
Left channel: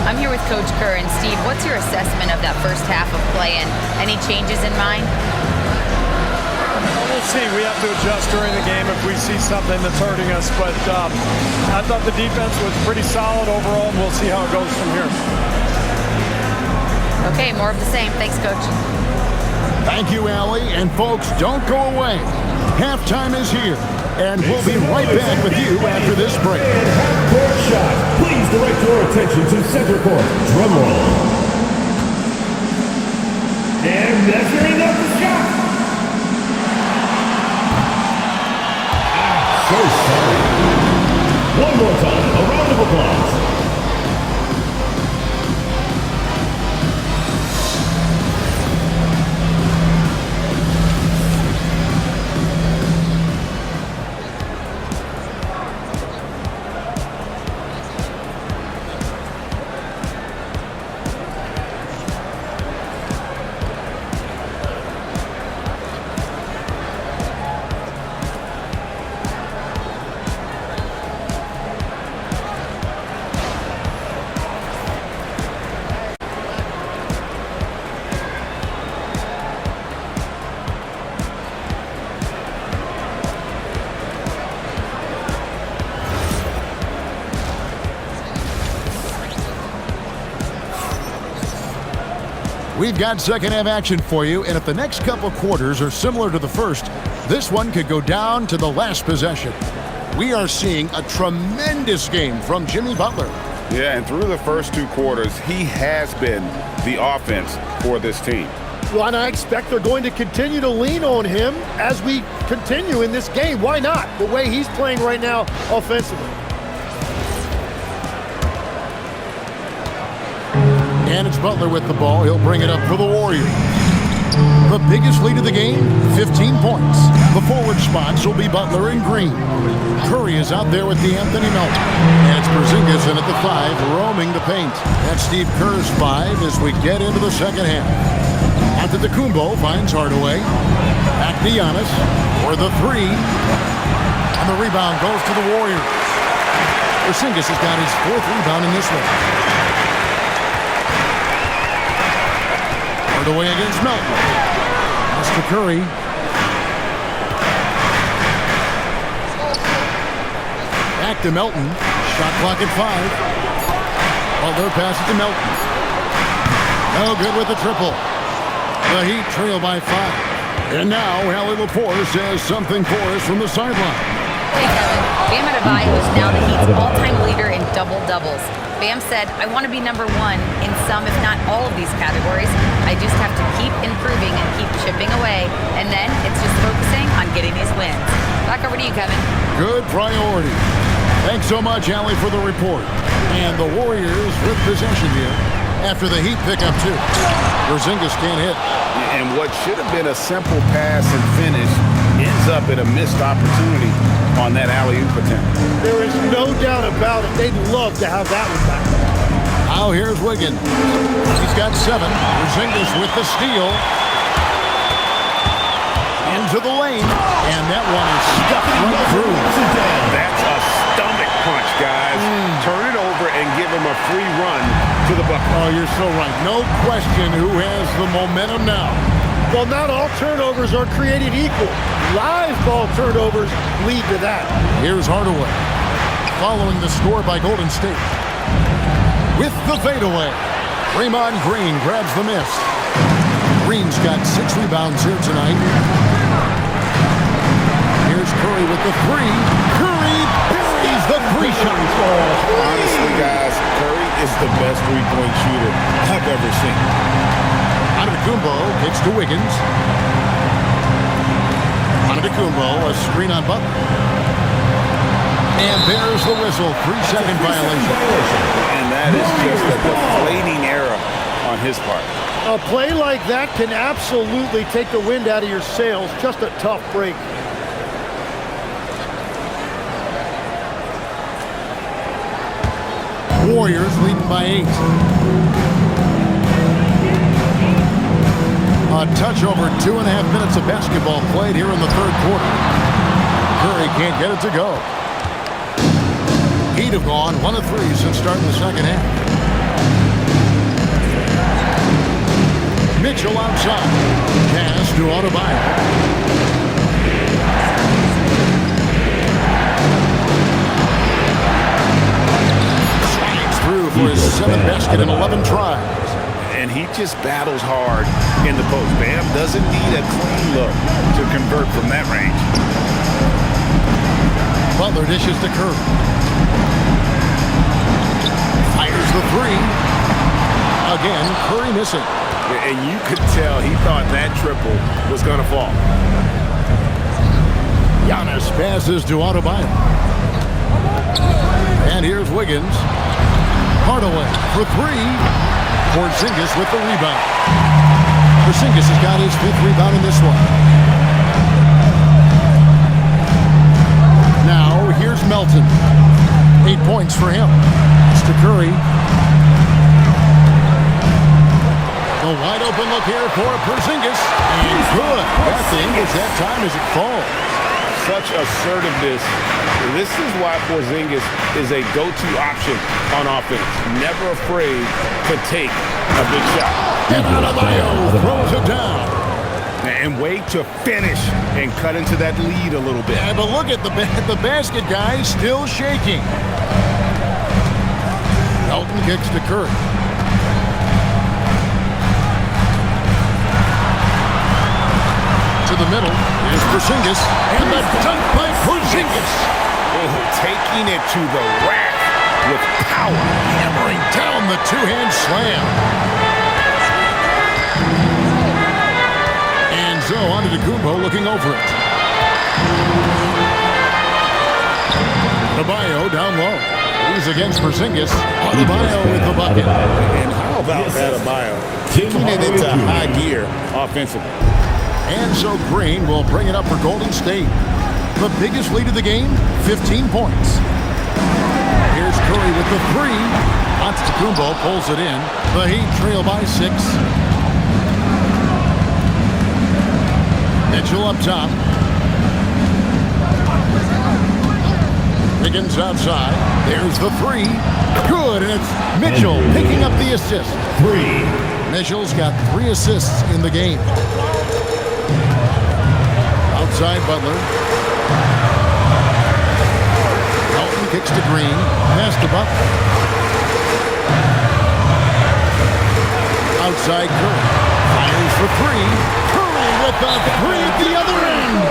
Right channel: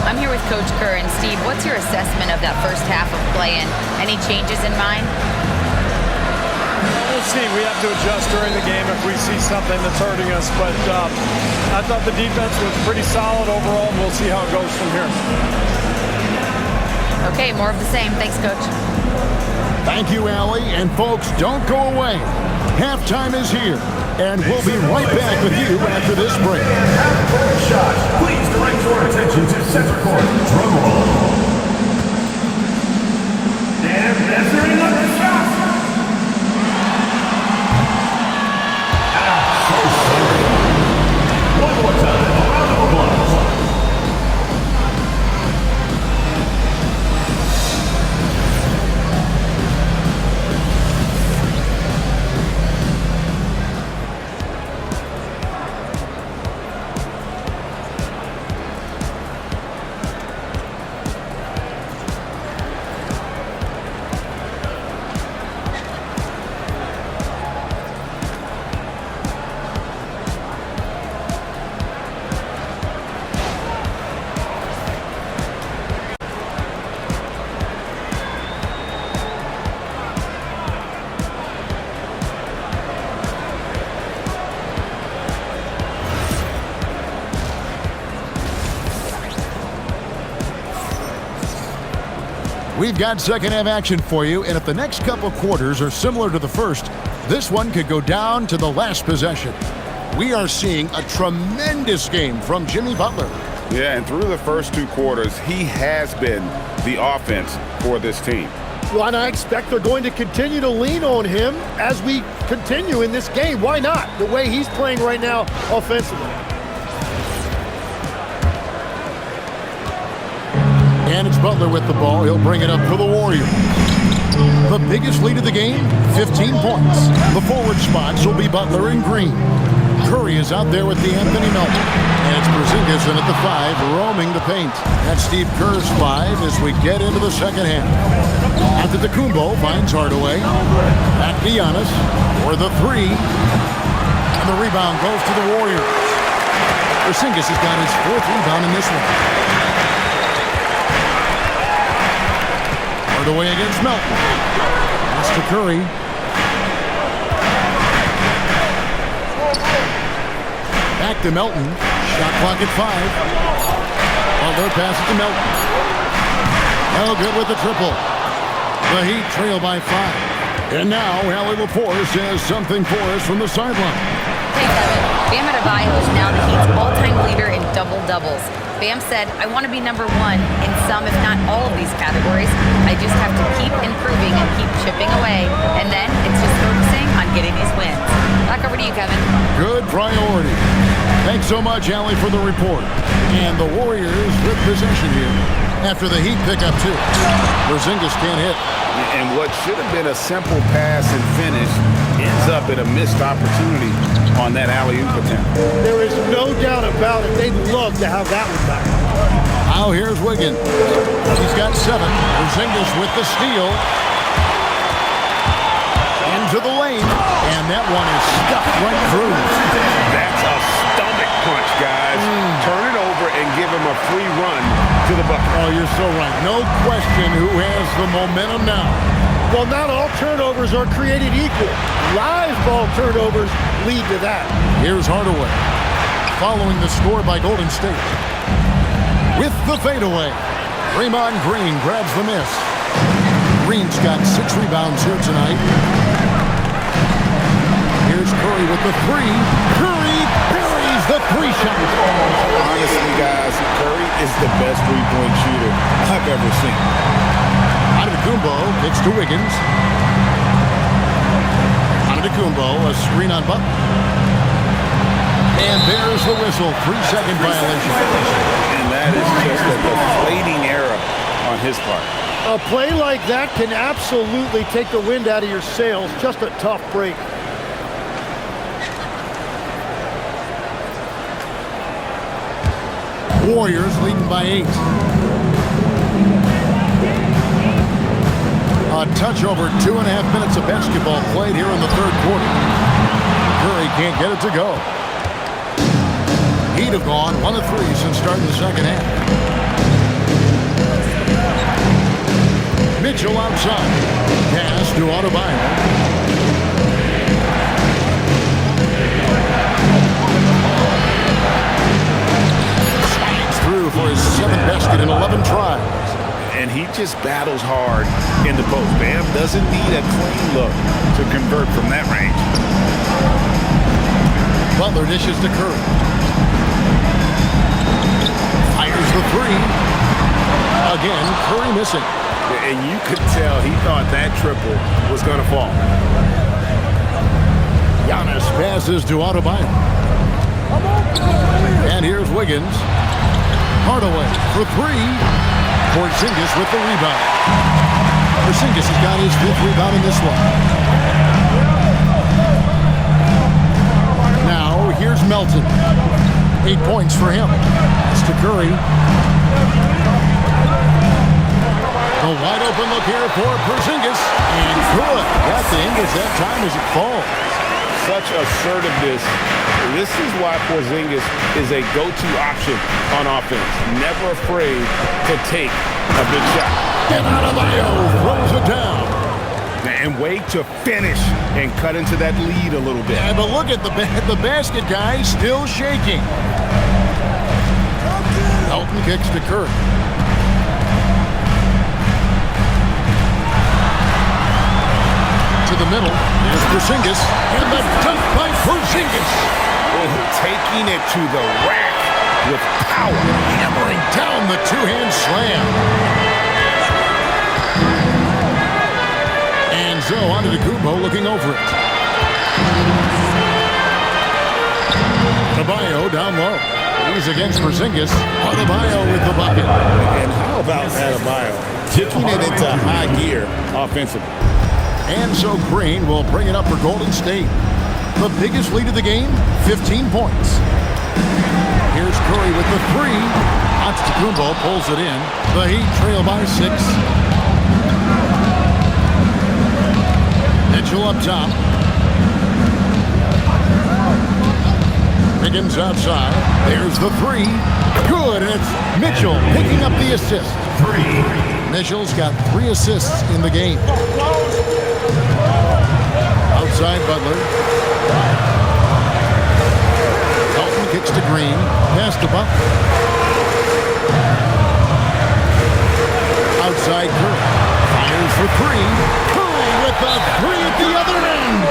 I'm here with Coach Kerr. And Steve, what's your assessment of that first half of play, and any changes in mind? We'll see. We have to adjust during the game if we see something that's hurting us. But I thought the defense was pretty solid overall, and we'll see how it goes from here. Okay, more of the same. Thanks, Coach. Thank you, Allie. And folks, don't go away. Halftime is here, and we'll be right back with you after this break. Half-court shot. Please direct your attention to center court. Drum roll. And measuring up the shot. So sorry. One more time, a round of applause. We've got second half action for you, and if the next couple quarters are similar to the first, this one could go down to the last possession. We are seeing a tremendous game from Jimmy Butler. Yeah, and through the first 2 quarters, he has been the offense for this team. Well, and I expect they're going to continue to lean on him as we continue in this game. Why not? The way he's playing right now offensively. And it's Butler with the ball. He'll bring it up for the Warriors. The biggest lead of the game, 15 points. The forward spots will be Butler and Green. Curry is out there with the Anthony Melton. And it's Porzingis in at the 5, roaming the paint. That's Steve Kerr's 5 as we get into the second half. Antetokounmpo finds Hardaway. Back to Giannis for the 3. And the rebound goes to the Warriors. Porzingis has got his 4th rebound in this one. Hardaway against Melton. Pass to Curry. Back to Melton. Shot clock at 5. Butler passes to Melton. No good with the triple. The Heat trail by 5. And now Allie Laporte says something for us from the sideline. Hey, Kevin. Bam Adebayo is now the Heat's all-time leader in double-doubles. Bam said, I want to be number 1 in some, if not all of these categories. I just have to keep improving and keep chipping away. And then it's just focusing on getting these wins. Back over to you, Kevin. Good priority. Thanks so much, Allie, for the report. And the Warriors with possession here after the Heat pick up 2. Porzingis can't hit. And what should have been a simple pass and finish ends up in a missed opportunity on that alley-oop attempt. There is no doubt about it. They'd love to have that one back. Now here's Wiggins. He's got 7. Porzingis with the steal. Into the lane. And that one is stuffed right through. That's a stomach punch, guys. Turn it over and give him a free run to the bucket. Oh, you're so right. No question who has the momentum now. Well, not all turnovers are created equal. Live ball turnovers lead to that. Here's Hardaway. Following the score by Golden State. With the fadeaway. Draymond Green grabs the miss. Green's got 6 rebounds here tonight. Here's Curry with the 3. Curry buries the 3 shot. Honestly, guys, Curry is the best three-point shooter I've ever seen. Antetokounmpo kicks to Wiggins. Antetokounmpo, a screen on Butler. And there's the whistle. 3-second violation. And that is just a deflating error on his part. A play like that can absolutely take the wind out of your sails. Just a tough break. Warriors leading by 8. A touch over 2.5 minutes of basketball played here in the 3rd quarter. Curry can't get it to go. Heat have gone 1 of 3 since starting the second half. Mitchell outside. Pass to Adebayo. Through for his 7th basket in 11 tries. And he just battles hard in the post. Bam doesn't need a clean look to convert from that range. Butler dishes to Curry. Fires the 3. Again, Curry missing. And you could tell he thought that triple was going to fall. Giannis passes to Adebayo. And here's Wiggins. Hardaway for 3. Porzingis with the rebound. Porzingis has got his 5th rebound in this one. Now here's Melton. 8 points for him. That's to Curry. The wide open look here for Porzingis. And good. Got the English that time as it falls. Such assertiveness. This is why Porzingis is a go-to option on offense. Never afraid to take a big shot. And Adebayo throws it down. And wait to finish and cut into that lead a little bit. Yeah, but look at the basket, guys, still shaking. Melton kicks to Curry. to the middle. Here's Porzingis. And the dunk by Porzingis. Oh, taking it to the rack with power. Hammering down the two-hand slam. And so onto Kumbo looking over it. Adebayo down low. He's against Porzingis. Adebayo with the bucket. And how about Adebayo kicking it into high gear offensively? And so Green will bring it up for Golden State. The biggest lead of the game, 15 points. Here's Curry with the three. Antetokounmpo pulls it in. The Heat trail by 6. Mitchell up top. Wiggins outside. There's the three. Good, and it's Mitchell picking up the assist. 3. Mitchell's got 3 assists in the game. Outside Butler. Elton kicks to Green. Pass to Butler. Outside Curry. Fires for 3. Curry with the 3 at the other end.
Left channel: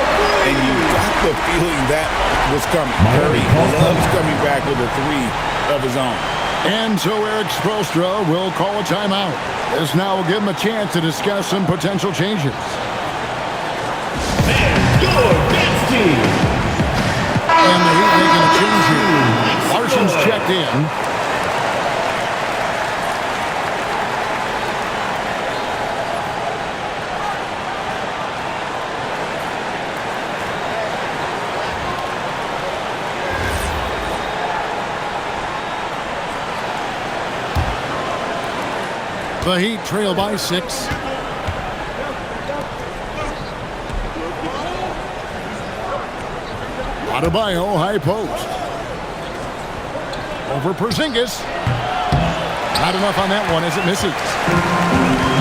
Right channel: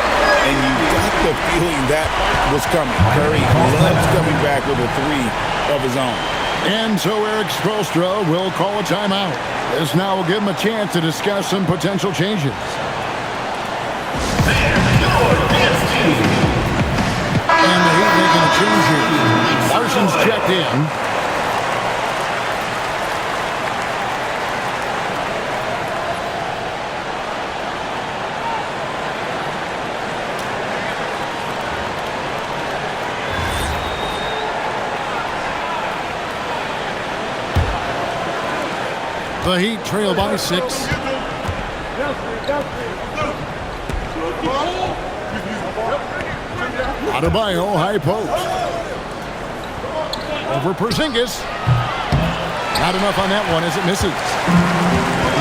And you got the feeling that was coming. Curry loves coming back with a 3 of his own. And so Eric Spoelstra will call a timeout. This now will give him a chance to discuss some potential changes. And the Heat making a change here. Larson's checked in. The Heat trail by 6. Adebayo, high post. Over Porzingis. Not enough on that one as it misses.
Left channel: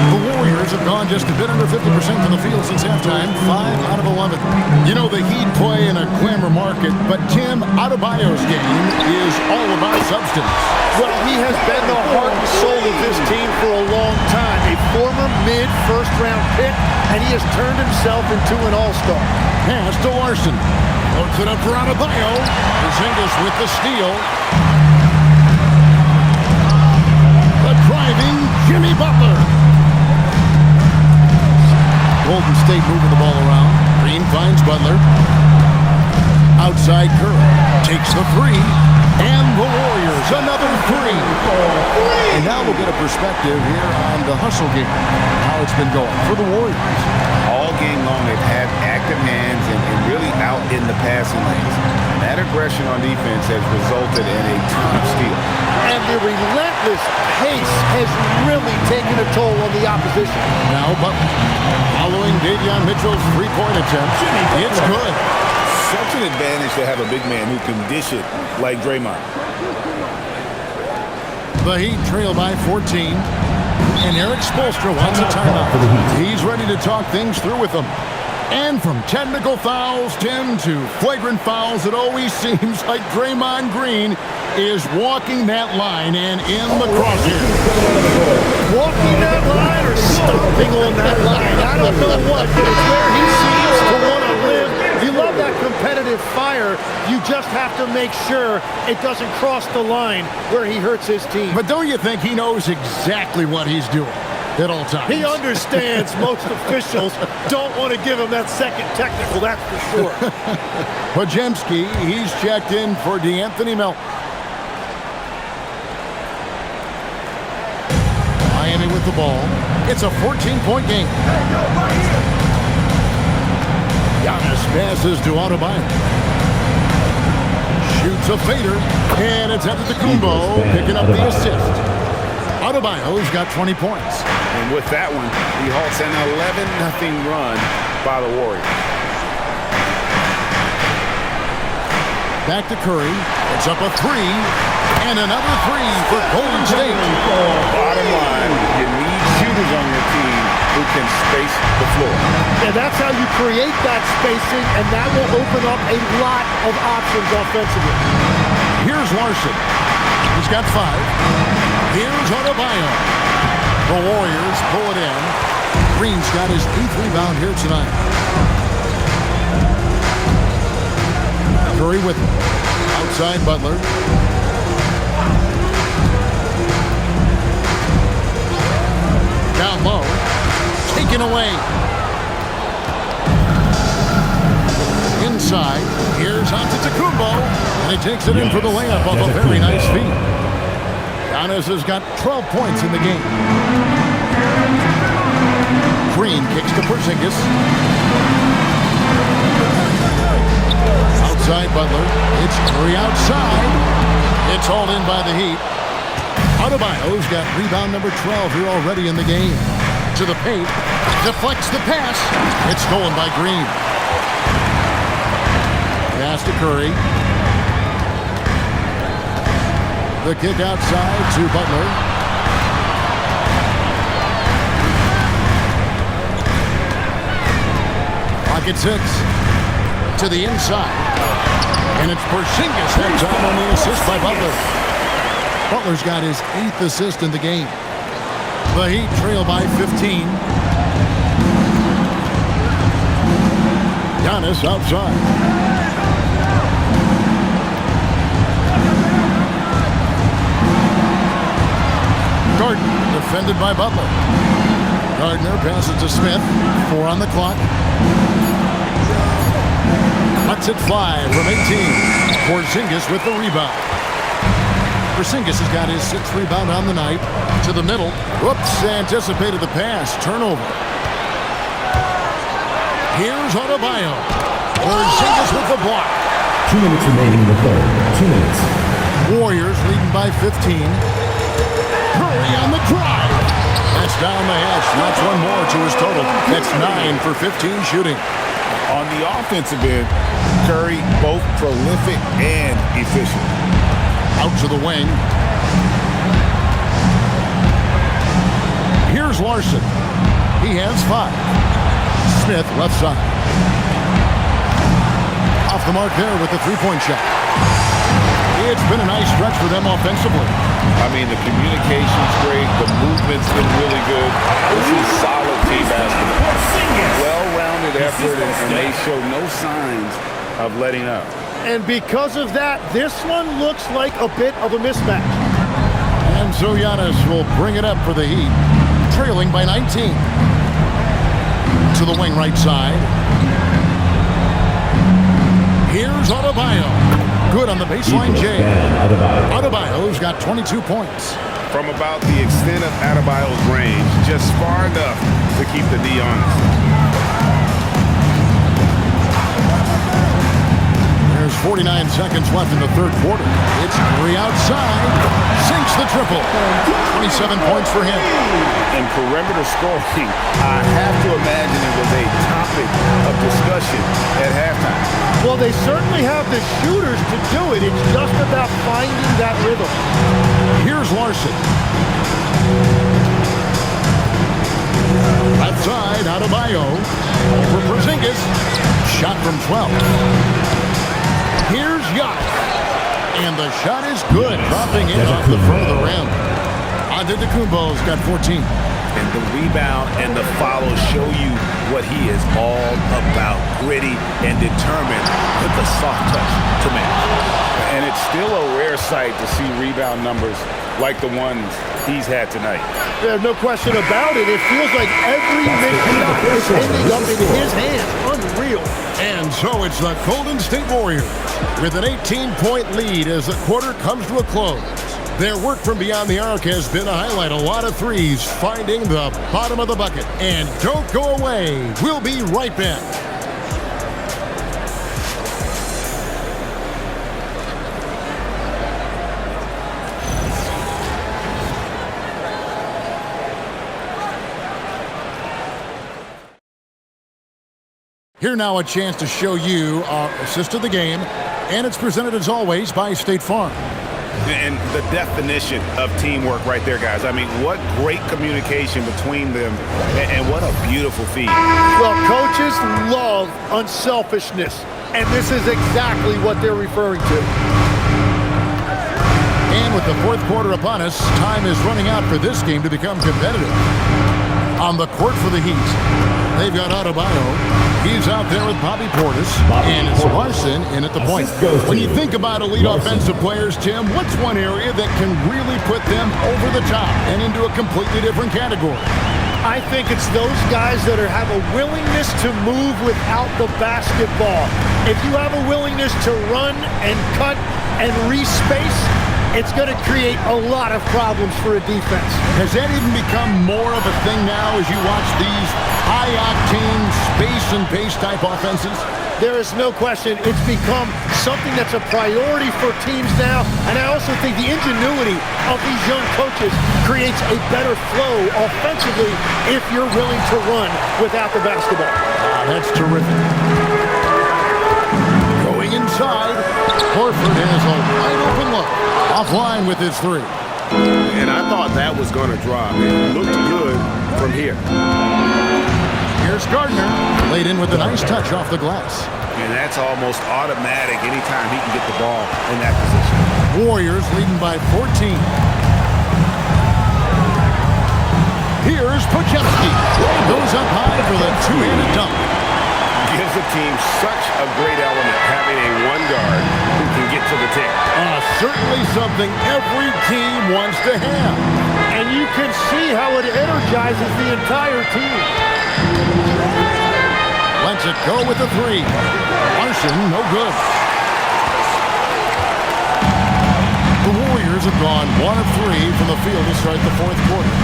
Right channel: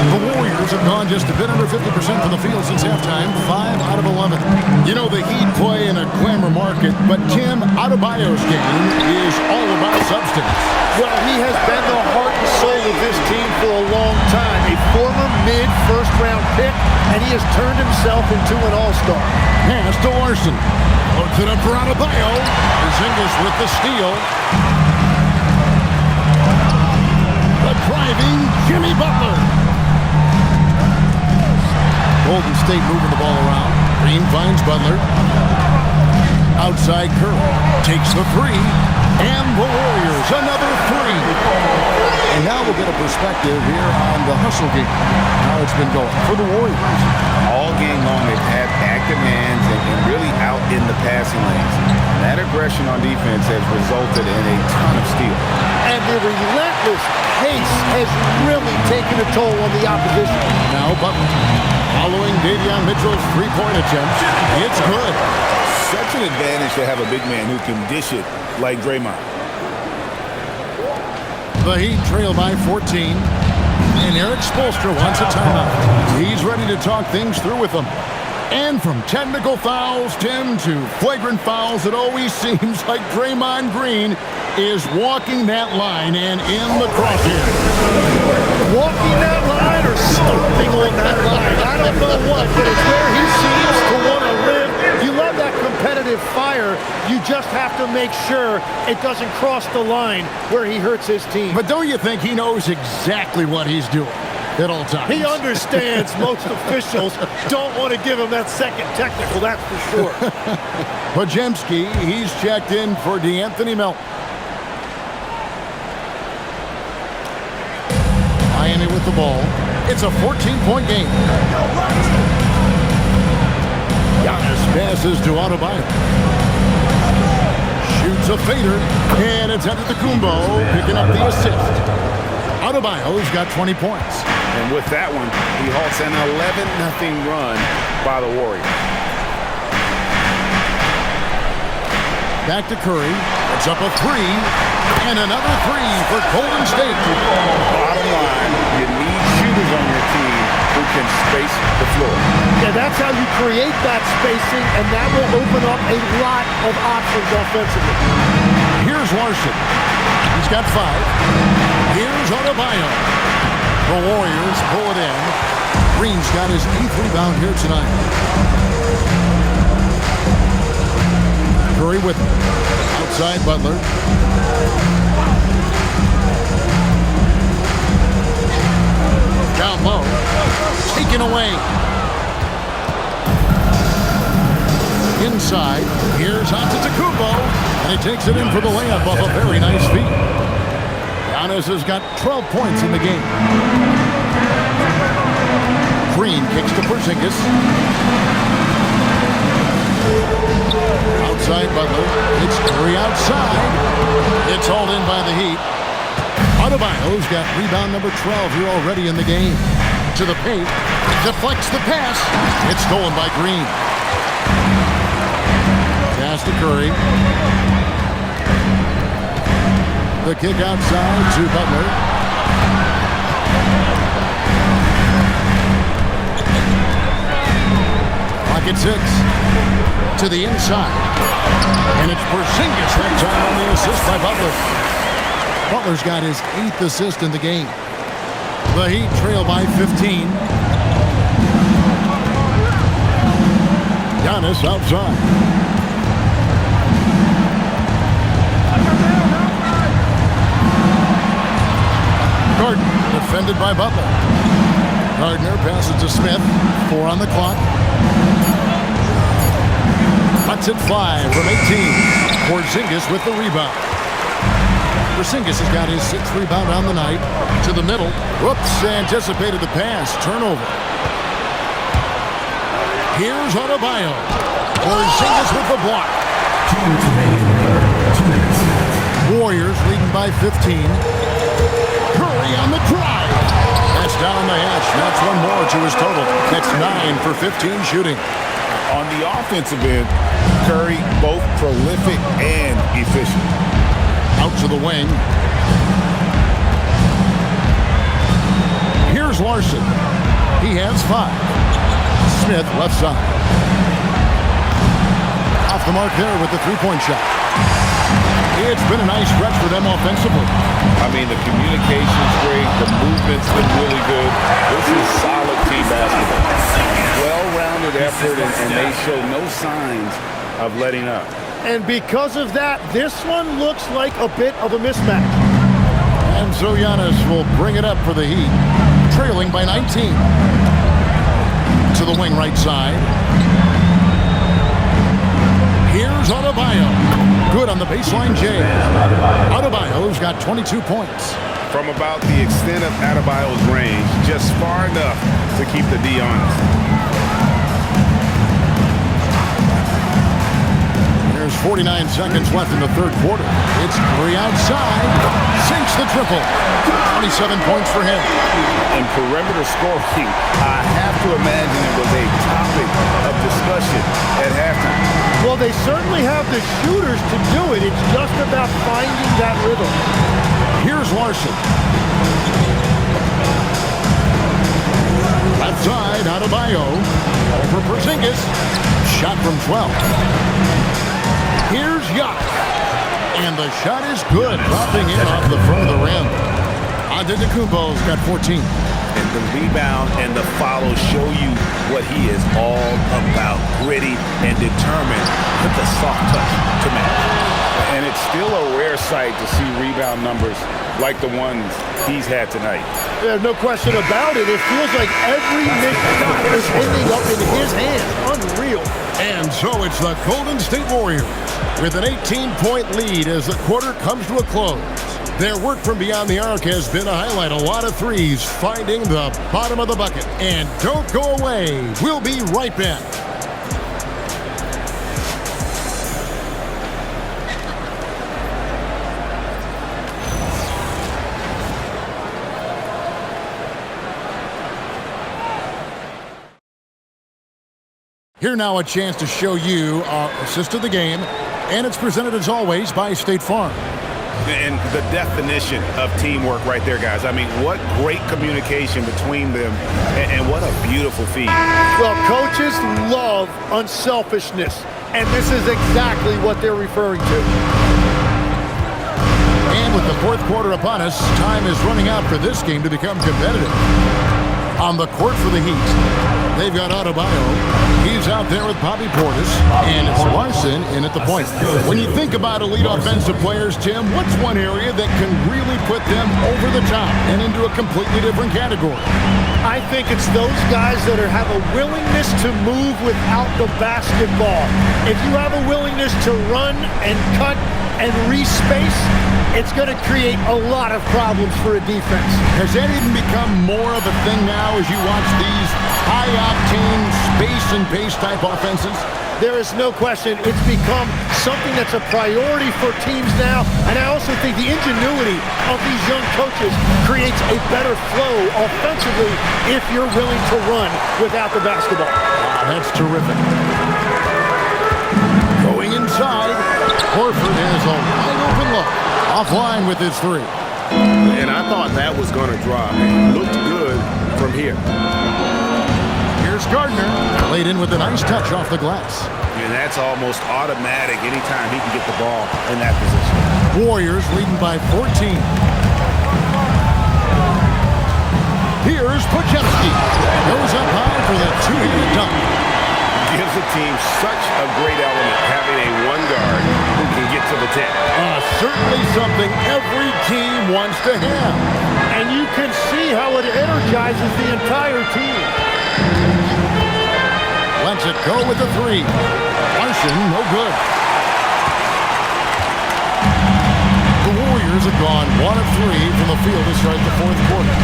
The Warriors have gone just a bit under 50% from the field since halftime, 5 out of 11. You know, the Heat play in a glamour market, but Tim, Adebayo's game is all about substance. Well, he has been the heart and soul of this team for a long time. A former mid-first-round pick, and he has turned himself into an all-star. Pass to Larson. Loads it up for Adebayo. Porzingis with the steal. The driving Jimmy Butler. Golden State moving the ball around. Green finds Butler. Outside Curry. Takes the 3. And the Warriors, another 3. And now we'll get a perspective here on the hustle game. How it's been going for the Warriors. All game long, they've had active hands and really out in the passing lanes. And that aggression on defense has resulted in a ton of steals. And the relentless pace has really taken a toll on the opposition. Now Butler, following Davion Mitchell's three-point attempt, it's good. Such an advantage to have a big man who can dish it like Draymond. The Heat trail by 14. And Eric Spoelstra wants a timeout. He's ready to talk things through with them. And from technical fouls, Tim, to flagrant fouls, it always seems like Draymond Green is walking that line and in the crosshairs. Walking that line or stomping on that line. I don't know what, but it's where he seems to want to live. You love that competitive fire. You just have to make sure it doesn't cross the line where he hurts his team. But don't you think he knows exactly what he's doing at all times? He understands most officials don't want to give him that second technical, that's for sure. Podziemski, he's checked in for DeAnthony Melton. Miami with the ball. It's a 14-point game. Giannis passes to Adebayo. Shoots a fader, and it's Antetokounmpo picking up the assist. Adebayo's got 20 points. And with that one, he halts an 11-0 run by the Warriors. Back to Curry. Puts up a 3. And another 3 for Golden State. Bottom line, you need shooters on your team who can space the floor. Yeah, that's how you create that spacing, and that will open up a lot of options offensively. Here's Larson. He's got 5. Here's Adebayo. The Warriors pull it in. Green's got his 8th rebound here tonight. Curry with him. Outside Butler. Down low. Taken away. Inside. Here's Antetokounmpo. And he takes it in for the layup off a very nice feed. Giannis has got 12 points in the game. Green kicks to Porzingis. Outside Butler. It's Curry outside. It's hauled in by the Heat. Adebayo's got rebound number 12 here already in the game. To the paint. Deflects the pass. It's stolen by Green. Pass to Curry. The kick outside to Butler. Pocket 6. To the inside. And it's Porzingis that time on the assist by Butler. Butler's got his 8th assist in the game. The Heat trail by 15. Giannis outside. Gardner defended by Butler. Gardner passes to Smith. 4 on the clock. Lets it fly from 18. Porzingis with the rebound. Porzingis has got his 6th rebound on the night. To the middle. Whoops, anticipated the pass. Turnover. Here's Adebayo. Porzingis with the block. 2 minutes remaining in the third. 2 minutes. Warriors leading by 15. Curry on the drive. That's down the hatch. That's one more to his total. That's 9 for 15 shooting. On the offensive end, Curry both prolific and efficient. Out to the wing. Here's Larson. He has 5. Smith left side. Off the mark there with the three-point shot. It's been a nice stretch for them offensively. I mean, the communication's great. The movement's been really good. This is solid team basketball. Well-rounded effort, and they show no signs of letting up. And because of that, this one looks like a bit of a mismatch. And so Giannis will bring it up for the Heat, trailing by 19. To the wing right side. Here's Adebayo. Good on the baseline, Jay. Adebayo's got 22 points. From about the extent of Adebayo's range, just far enough to keep the D honest. There's 49 seconds left in the third quarter. It's Curry outside. Sinks the triple. 27 points for him. In perimeter scoring, I have to imagine it was a topic of discussion at halftime. Well, they certainly have the shooters to do it. It's just about finding that rhythm. Here's Larson. Left side, Adebayo. Over Porzingis. Shot from 12. Here's Giannis. And the shot is good, dropping in off the front of the rim. Antetokounmpo's got 14. And the rebound and the follow show you what he is all about. Gritty and determined with the soft touch to match. And it's still a rare sight to see rebound numbers like the ones he's had tonight. There's no question about it. It feels like every missed shot is ending up in his hands. Unreal. And so it's the Golden State Warriors with an 18-point lead as the quarter comes to a close. Their work from beyond the arc has been a highlight. A lot of threes finding the bottom of the bucket. And don't go away. We'll be right back. Here now a chance to show you our assist of the game. And it's presented as always by State Farm. And the definition of teamwork right there, guys. I mean, what great communication between them, and what a beautiful feed. Well, coaches love unselfishness, and this is exactly what they're referring to. And with the fourth quarter upon us, time is running out for this game to become competitive. On the court for the Heat, They've got Adebayo. He's out there with Bobby Portis. And it's Larson in at the point. When you think about elite offensive players, Tim, what's one area that can really put them over the top and into a completely different category? I think it's those guys that have a willingness to move without the basketball. If you have a willingness to run and cut and respace, it's going to create a lot of problems for a defense. Has that even become more of a thing now as you watch these high-octane space and pace type offenses? There is no question it's become something that's a priority for teams now, and I also think the ingenuity of these young coaches creates a better flow offensively if you're willing to run without the basketball. That's terrific. Going inside, Horford has a wide-open look. Offline with his three. And I thought that was going to drop. It looked good from here. Here's Gardner, laid in with a nice touch off the glass. And that's almost automatic anytime he can get the ball in that position. Warriors leading by 14. Here's Podziemski. Goes up high for the two-handed dunk. Gives a team such a great element having a one guard who can get to the 10. Certainly something every team wants to have. And you can see how it energizes the entire team. Lets it go with the three. Larson, no good. The Warriors have gone 1 of 3 from the field to start the fourth quarter.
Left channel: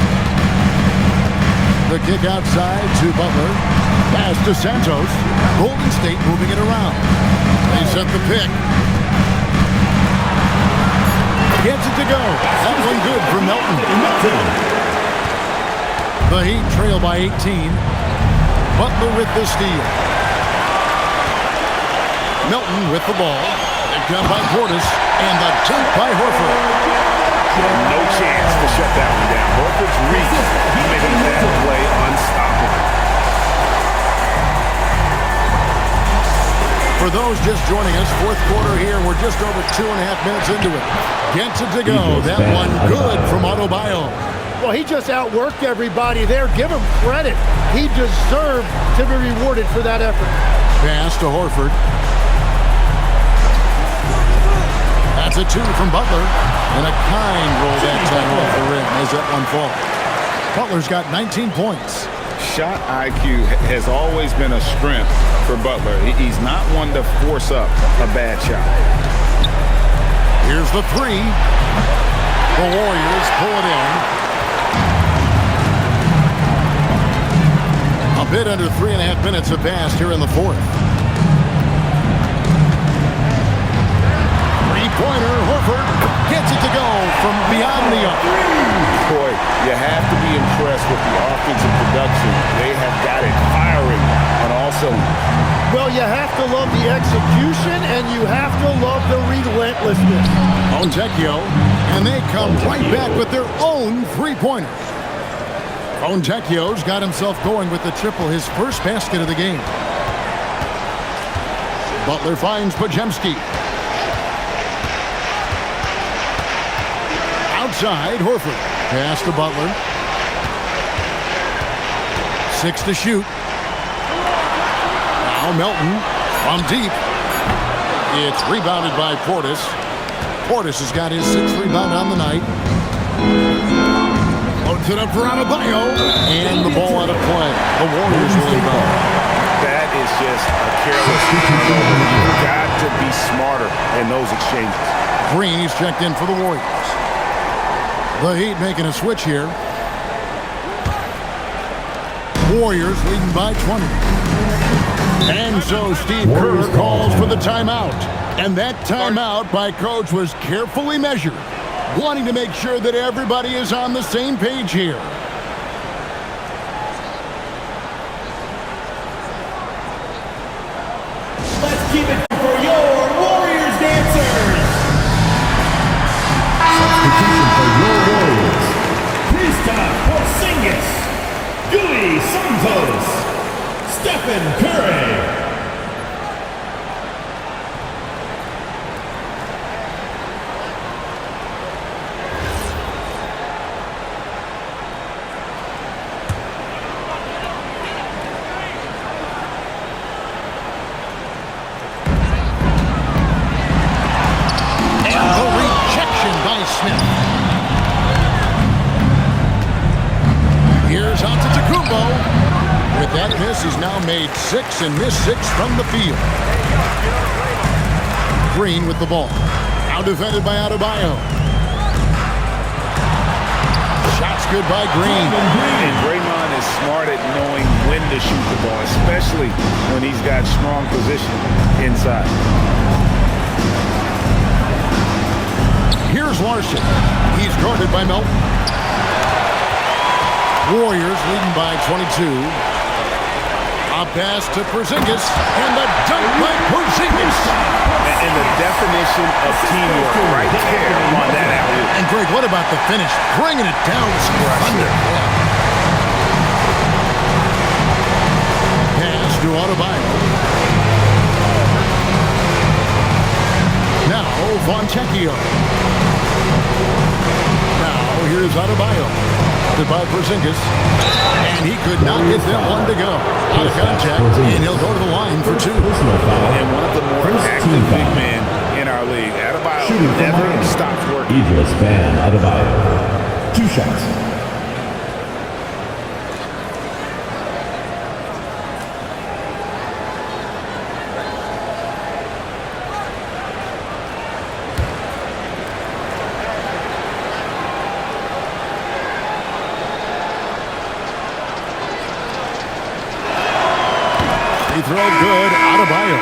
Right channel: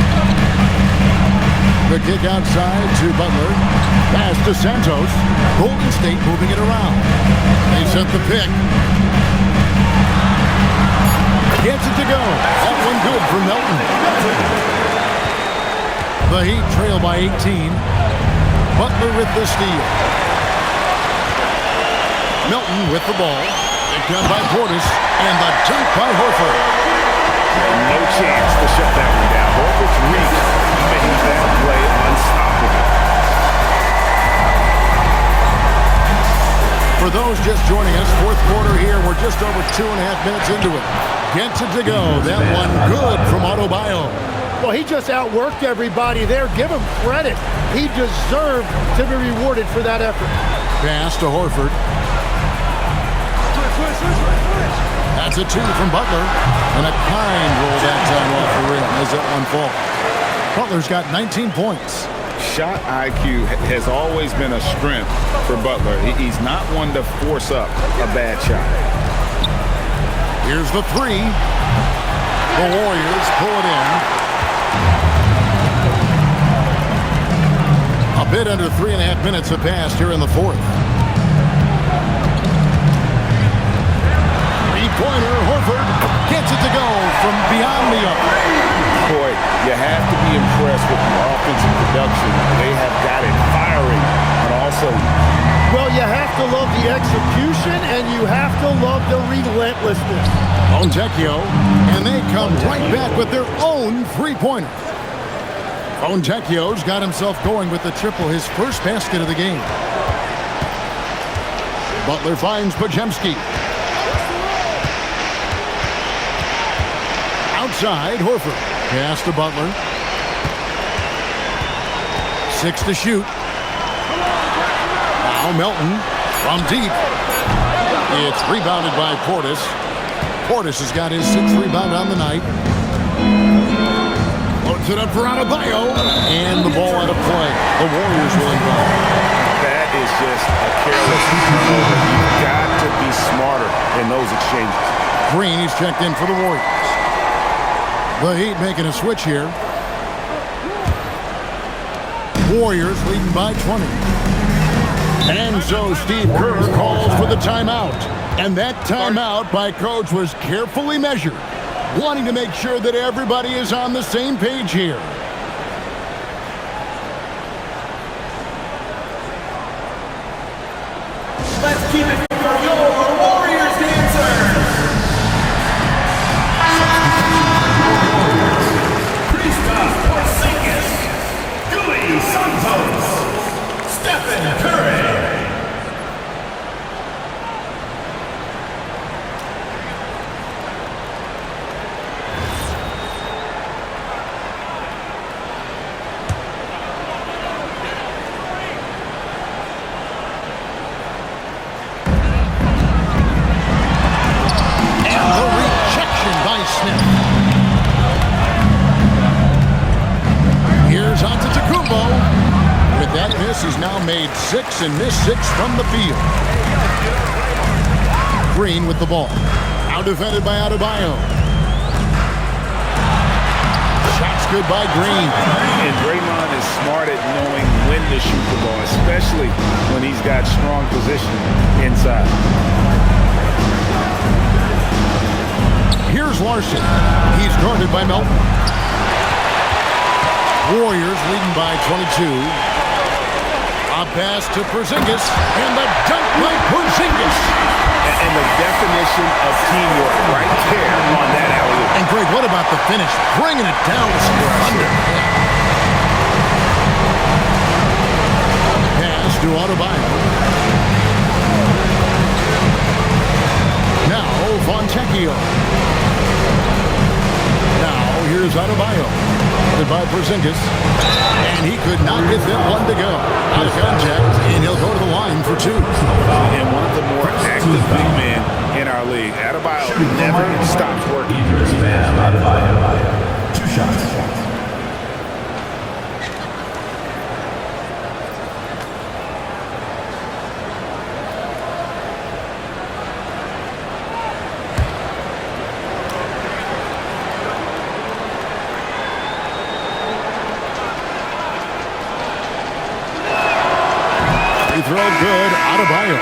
The kick outside to Butler. Pass to Santos. Golden State moving it around. They set the pick. Gets it to go. That one good for Melton. The Heat trail by 18. Butler with the steal. Melton with the ball. Picked up by Portis. And the dunk by Horford. No chance to shut that one down. Horford's reach made that play unstoppable. For those just joining us, fourth quarter here. We're just over 2.5 minutes into it. Gets it to go. That one good from Adebayo. Well, he just outworked everybody there. Give him credit. He deserved to be rewarded for that effort. Pass to Horford. That's a 2 from Butler. And a kind roll that time off the rim as that one falls. Butler's got 19 points. Shot IQ has always been a strength for Butler. He's not one to force up a bad shot. Here's the 3. The Warriors pull it in. A bit under 3.5 minutes have passed here in the fourth. Three-pointer, Horford gets it to go from beyond the arc. Boy, you have to be impressed with the offensive production. They have got it firing on all cylinders. Well, you have to love the execution, and you have to love the relentlessness. Fontecchio, and they come right back with their own three-pointer. Fontecchio's got himself going with the triple, his first basket of the game. Butler finds Podziemski. Outside, Horford. Pass to Butler. 6 to shoot. Now Melton from deep. It's rebounded by Portis. Portis has got his 6th rebound on the night. Loads it up for Adebayo. And the ball out of play. The Warriors will inbound. That is just a careless turnover. You've got to be smarter in those exchanges. Green, he's checked in for the Warriors. The Heat making a switch here. Warriors leading by 20. And so Steve Kerr calls for the timeout. And that timeout by coach was carefully measured, wanting to make sure that everybody is on the same page here. Let's keep it for your Warriors dancers. Porzingis, Gui Santos, Stephen Curry. Deflection by Smith. Here's on to Tacumbo. With that miss, he's now made 6 and missed 6 from the field. Green with the ball. Now defended by Adebayo. Shots good by Green. And Draymond is smart at knowing when to shoot the ball, especially when he's got strong position inside. Here's Larson. He's guarded by Melton. Warriors leading by 22. A pass to Porzingis, and the dunk by Porzingis. And the definition of teamwork right there on that alley-oop. And Greg, what about the finish? Bringing it down with some thunder. Yeah. Pass to Adebayo. Now Fontecchio. Now here's Adebayo. Guarded by Porzingis. And he could not get that one to go. Out of contact, and he'll go to the line for 2. And one of the more active big men in our league. Adebayo never stops working. Idris Bam Adebayo. 2 shots. Free throw good, Adebayo.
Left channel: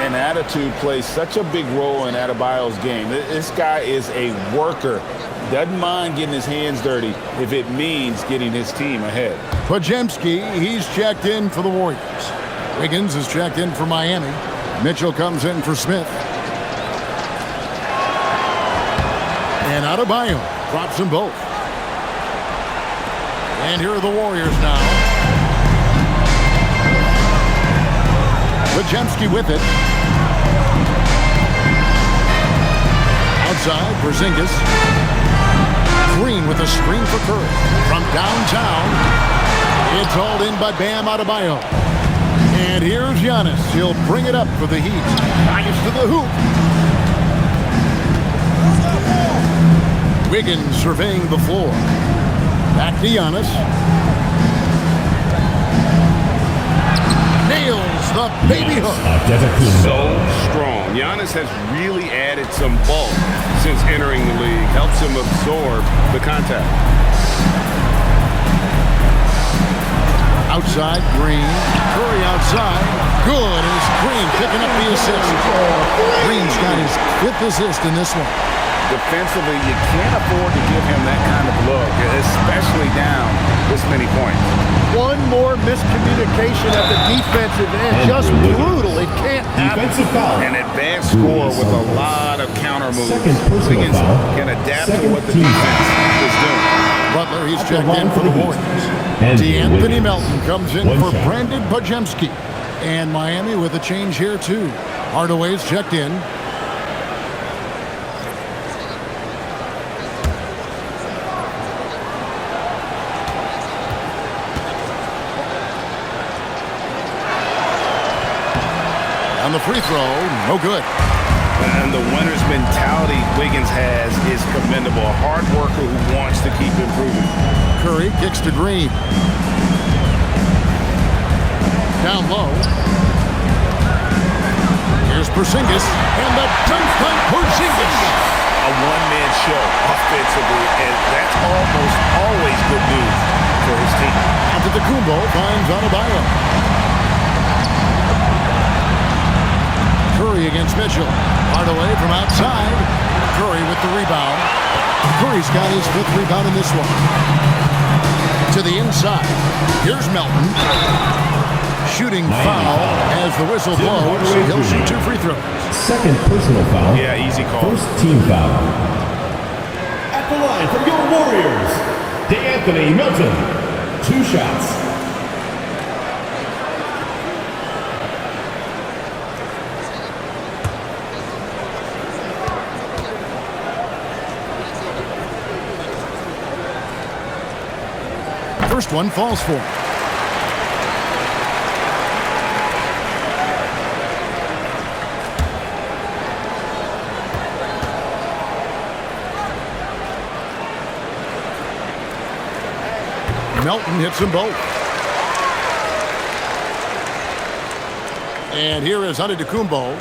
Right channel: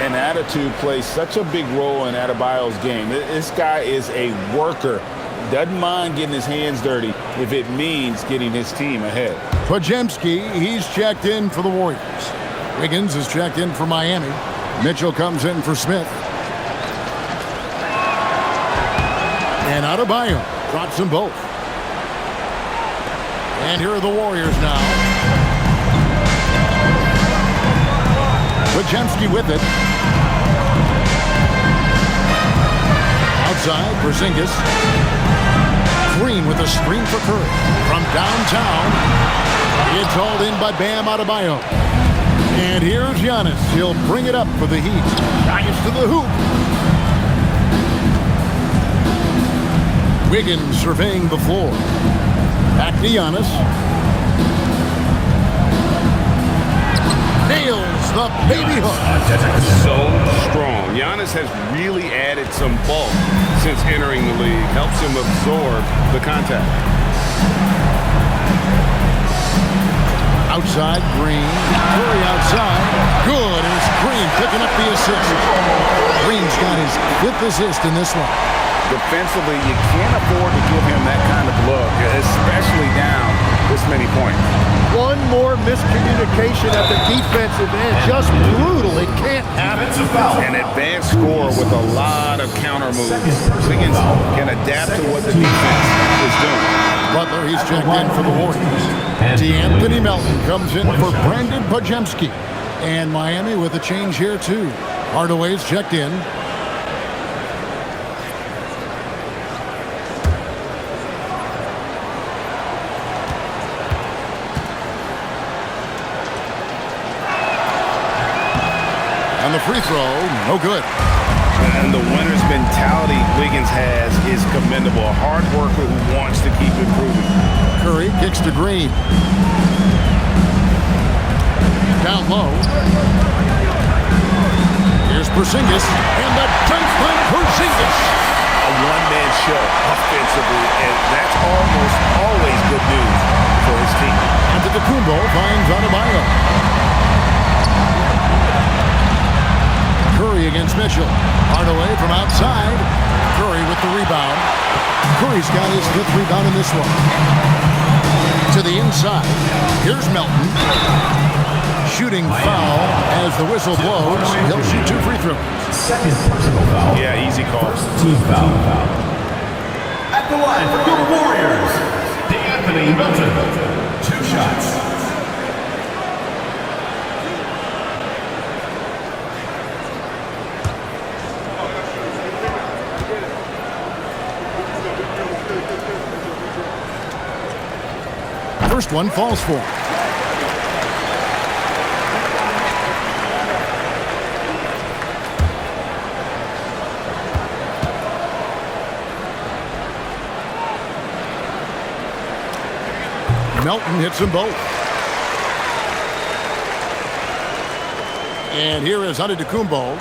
And attitude plays such a big role in Adebayo's game. This guy is a worker. Doesn't mind getting his hands dirty if it means getting his team ahead. Podziemski, he's checked in for the Warriors. Wiggins is checked in for Miami. Mitchell comes in for Smith. And Adebayo drops them both. And here are the Warriors now. Podziemski with it. Outside, Porzingis. Green with a screen for Curry. From downtown, it's hauled in by Bam Adebayo. And here's Giannis. He'll bring it up for the Heat. Drives to the hoop. Wiggins surveying the floor. Back to Giannis. Nails the baby hook. So strong. Giannis has really added some bulk since entering the league. Helps him absorb the contact. Outside, Green. Curry outside. Good as Green picking up the assist. Green's got his 5th assist in this one. Defensively, you can't afford to give him that kind of look, especially down this many points. One more miscommunication at the defensive end. Just brutal. It can't happen. An advanced scorer with a lot of counter moves. Wiggins can adapt to what the defense is doing. Butler, he's checked in for the Warriors. D'Anthony Melton comes in for Brandon Podziemski. And Miami with a change here, too. Hardaway's checked in. On the free throw, no good. And the winner's mentality Wiggins has is commendable. A hard worker who wants to keep improving. Curry kicks to Green. Down low. Here's Porzingis, and the dunk by Porzingis. A one-man show offensively, and that's almost always good news for his team. Antetokounmpo finds Adebayo. Curry against Mitchell. Hardaway from outside. Curry with the rebound. Curry's got his 5th rebound in this one. To the inside. Here's Melton. Shooting foul as the whistle blows. He'll shoot 2 free throws. 2nd personal foul. Yeah, easy call. 1st team foul. At the line for your Warriors, D'Anthony Melton. 2 shots. First one falls for him. Melton hits them both. And here is Antetokounmpo.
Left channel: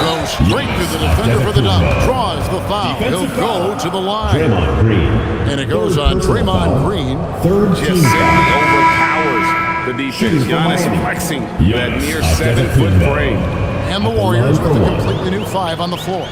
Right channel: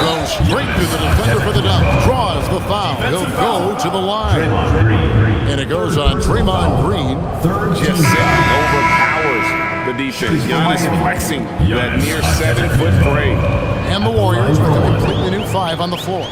Goes straight to the defender for the dunk. Draws the foul. He'll go to the line. And it goes on Draymond Green. Just simply overpowers the defense. Giannis flexing that near 7-foot frame. And the Warriors with a completely new 5 on the floor.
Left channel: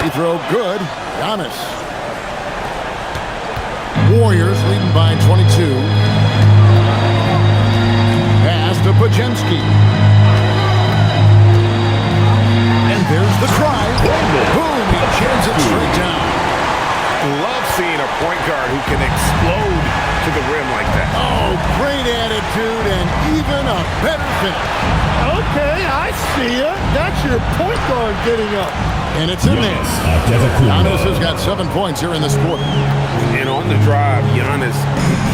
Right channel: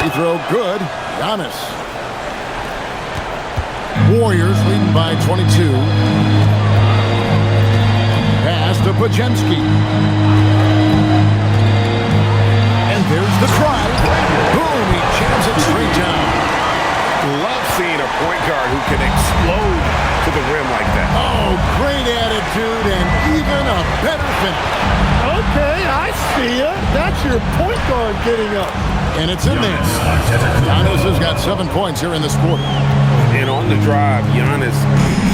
Free throw good. Giannis. Warriors leading by 22. Pass to Pajemski. And there's the drive. Boom, he jams it straight down. Love seeing a point guard who can explode to the rim like that. Oh, great attitude and even a better finish. Okay, I see ya. That's your point guard getting up. And it's in there. Giannis has got 7 points here in this quarter. And on the drive, Giannis,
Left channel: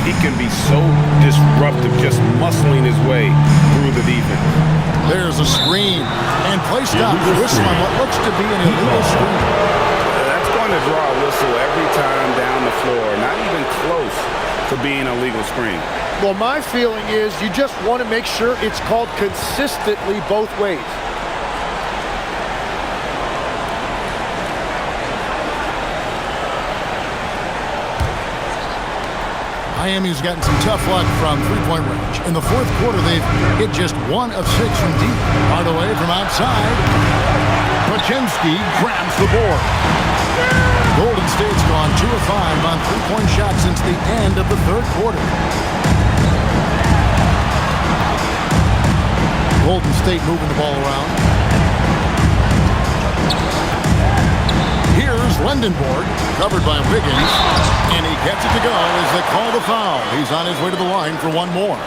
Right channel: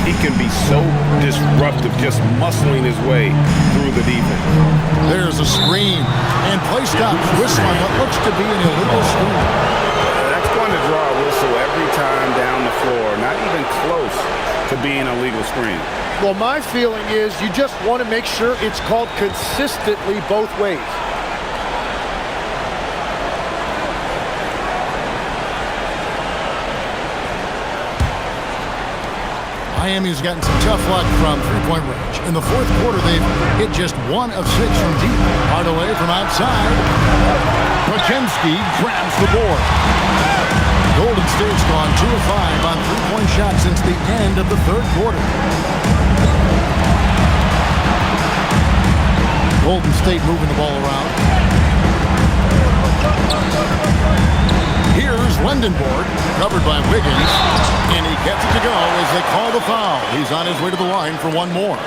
he can be so disruptive, just muscling his way through the defense. There's a screen. And play stops. Whistle on what looks to be an illegal screen. That's going to draw a whistle every time down the floor. Not even close to being a legal screen. Well, my feeling is you just want to make sure it's called consistently both ways. Miami's gotten some tough luck from three-point range. In the fourth quarter, they've hit just 1 of 6 from deep. Hardaway from outside. Pajemski grabs the board. Golden State's gone 2 of 5 on three-point shots since the end of the third quarter. Golden State moving the ball around. Here's Lendenborg, covered by Wiggins, and he gets it to go as they call the foul. He's on his way to the line for one more.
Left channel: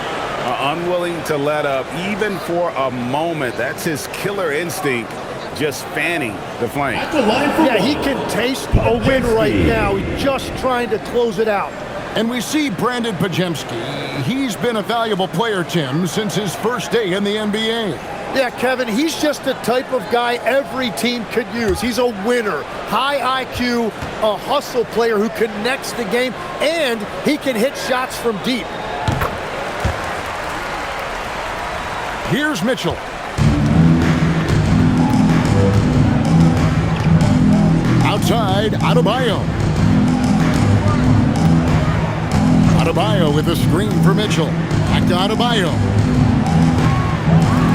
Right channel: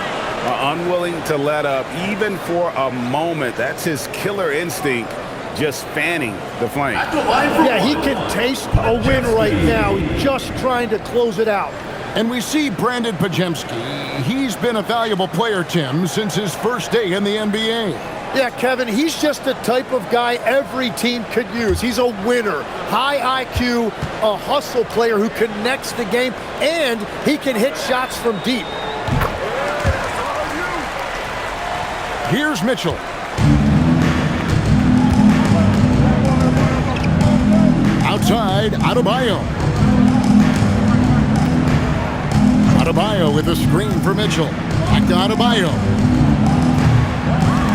Unwilling to let up, even for a moment. That's his killer instinct, just fanning the flame. Yeah, he can taste a win right now. He's just trying to close it out. And we see Brandon Pajemski. He's been a valuable player, Tim, since his first day in the NBA. Yeah, Kevin, he's just the type of guy every team could use. He's a winner, high IQ, a hustle player who connects the game, and he can hit shots from deep. Here's Mitchell. Outside, Adebayo. Adebayo with a screen for Mitchell. Back to Adebayo.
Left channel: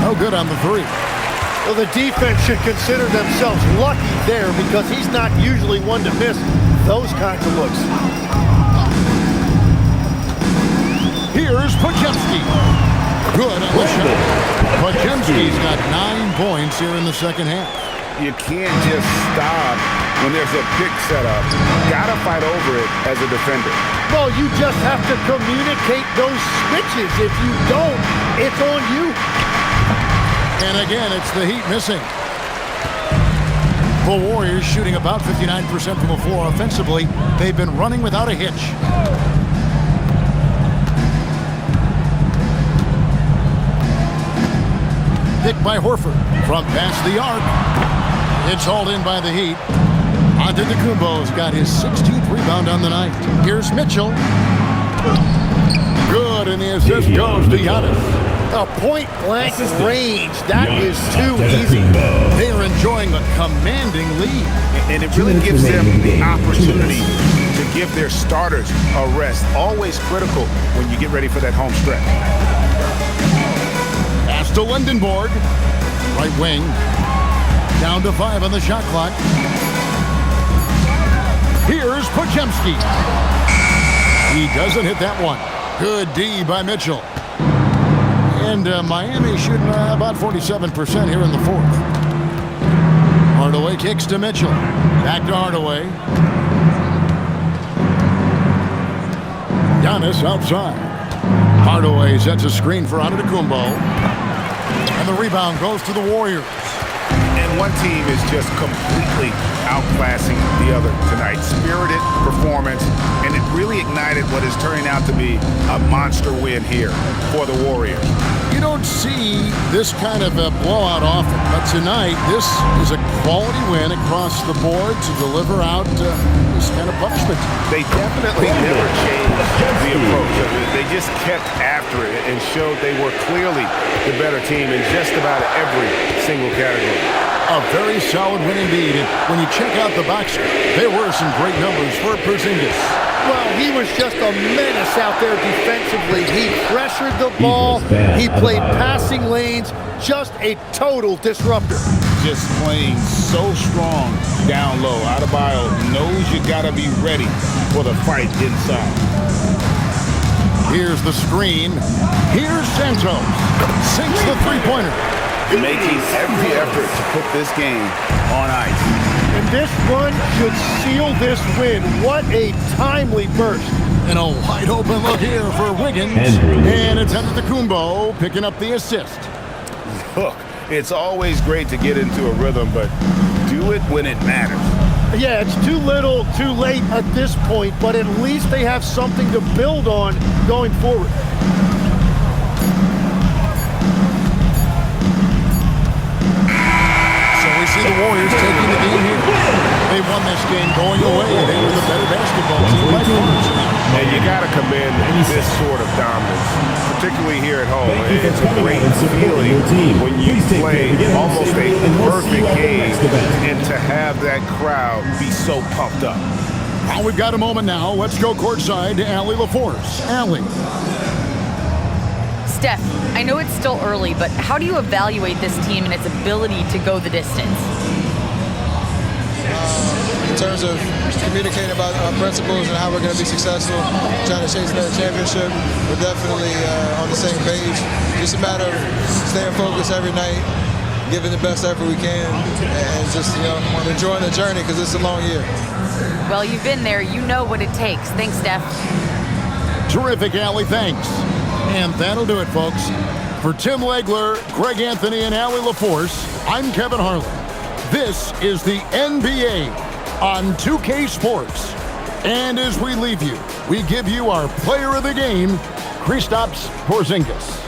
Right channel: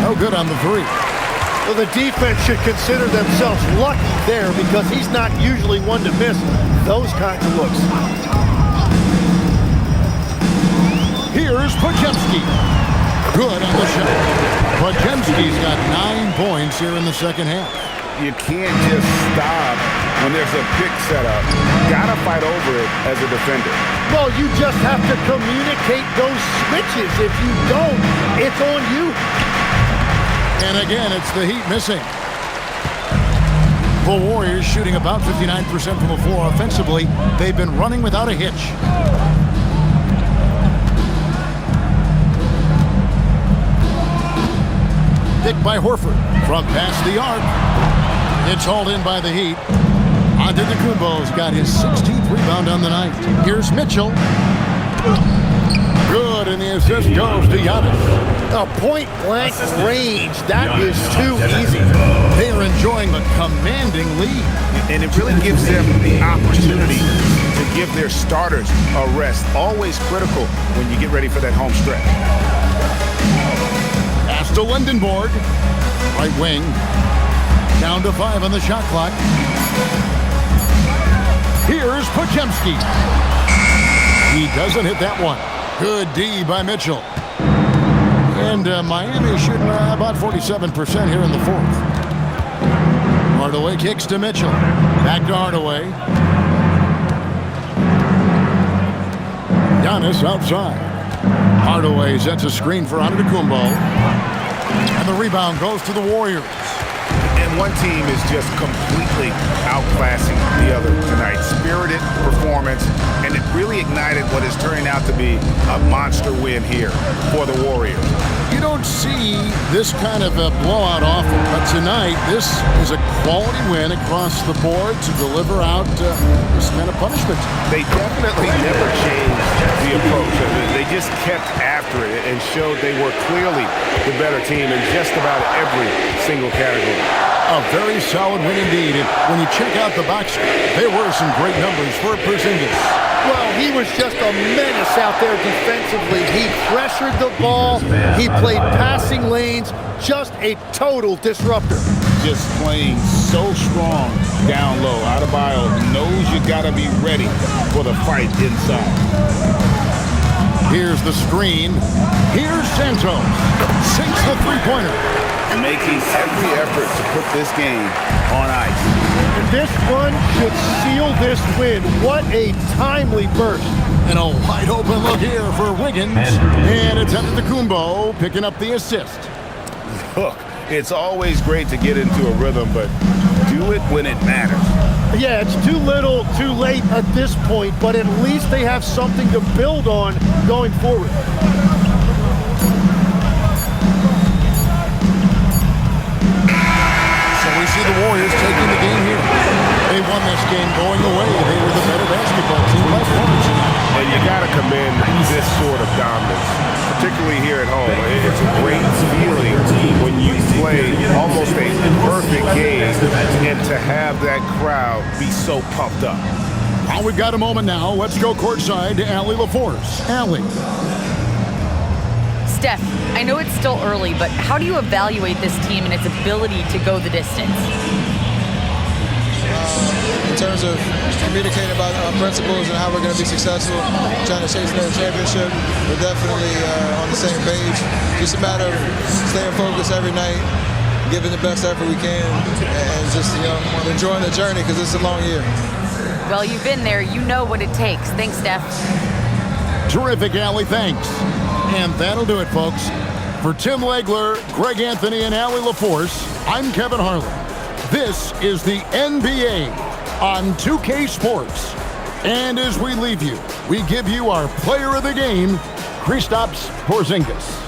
No good on the three. Well, the defense should consider themselves lucky there because he's not usually one to miss those kinds of looks. Here's Pajemski. Good on the shot. Pajemski's got 9 points here in the second half. You can't just stop when there's a pick set up. Gotta fight over it as a defender. Well, you just have to communicate those switches. If you don't, it's on you. And again, it's the Heat missing. The Warriors shooting about 59% from the floor offensively. They've been running without a hitch. Picked by Horford from past the arc. It's hauled in by the Heat. Antetokounmpo's got his 16th rebound on the night. Here's Mitchell. Good, and the assist goes to Giannis. A point-blank range. That is too easy. They are enjoying a commanding lead. And it really gives them the opportunity to give their starters a rest. Always critical when you get ready for that home stretch. Pass to Lendenborg. Right wing. Down to 5 on the shot clock. Here's Pajemski. He doesn't hit that one. Good D by Mitchell. And Miami shooting about 47% here in the fourth. Hardaway kicks to Mitchell. Back to Hardaway. Giannis outside. Hardaway sets a screen for Antetokounmpo. And the rebound goes to the Warriors. And one team is just completely outclassing the other tonight. Spirited performance, and it really ignited what is turning out to be a monster win here for the Warriors. You don't see this kind of a blowout often, but tonight this is a quality win across the board to deliver out this kind of punishment. They definitely never changed the approach. They just kept after it and showed they were clearly the better team in just about every single category. A very solid win indeed. And when you check out the box score, there were some great numbers for Porzingis. Well, he was just a menace out there defensively. He pressured the ball. He played passing lanes. Just a total disruptor. Just playing so strong down low. Adebayo knows you got to be ready for the fight inside. Here's the screen. Here's Santos. Sinks the three-pointer. Making every effort to put this game on ice. And this run should seal this win. What a timely burst. And a wide open look here for Wiggins. And it's Antetokounmpo picking up the assist. Look, it's always great to get into a rhythm, but do it when it matters. Yeah, it's too little, too late at this point, but at least they have something to build on going forward. We see the Warriors taking the game here. They won this game going away. They were the better basketball team by far tonight. And you got to commend this sort of dominance, particularly here at home. It's a great feeling when you play almost a perfect game and to have that crowd be so pumped up. Well, we've got a moment now. Let's go courtside to Allie LaForce. Allie. Steph, I know it's still early, but how do you evaluate this team and its ability to go the distance? In terms of communicating about our principles and how we're going to be successful, trying to chase another championship, we're definitely on the same page. Just a matter of staying focused every night, giving the best effort we can, and just enjoying the journey because it's a long year. Well, you've been there. You know what it takes. Thanks, Steph. Terrific, Allie. Thanks. And that'll do it, folks. For Tim Legler, Greg Anthony, and Allie LaForce, I'm Kevin Harlan. This is the NBA on 2K Sports. And as we leave you, we give you our player of the game, Kristaps Porzingis.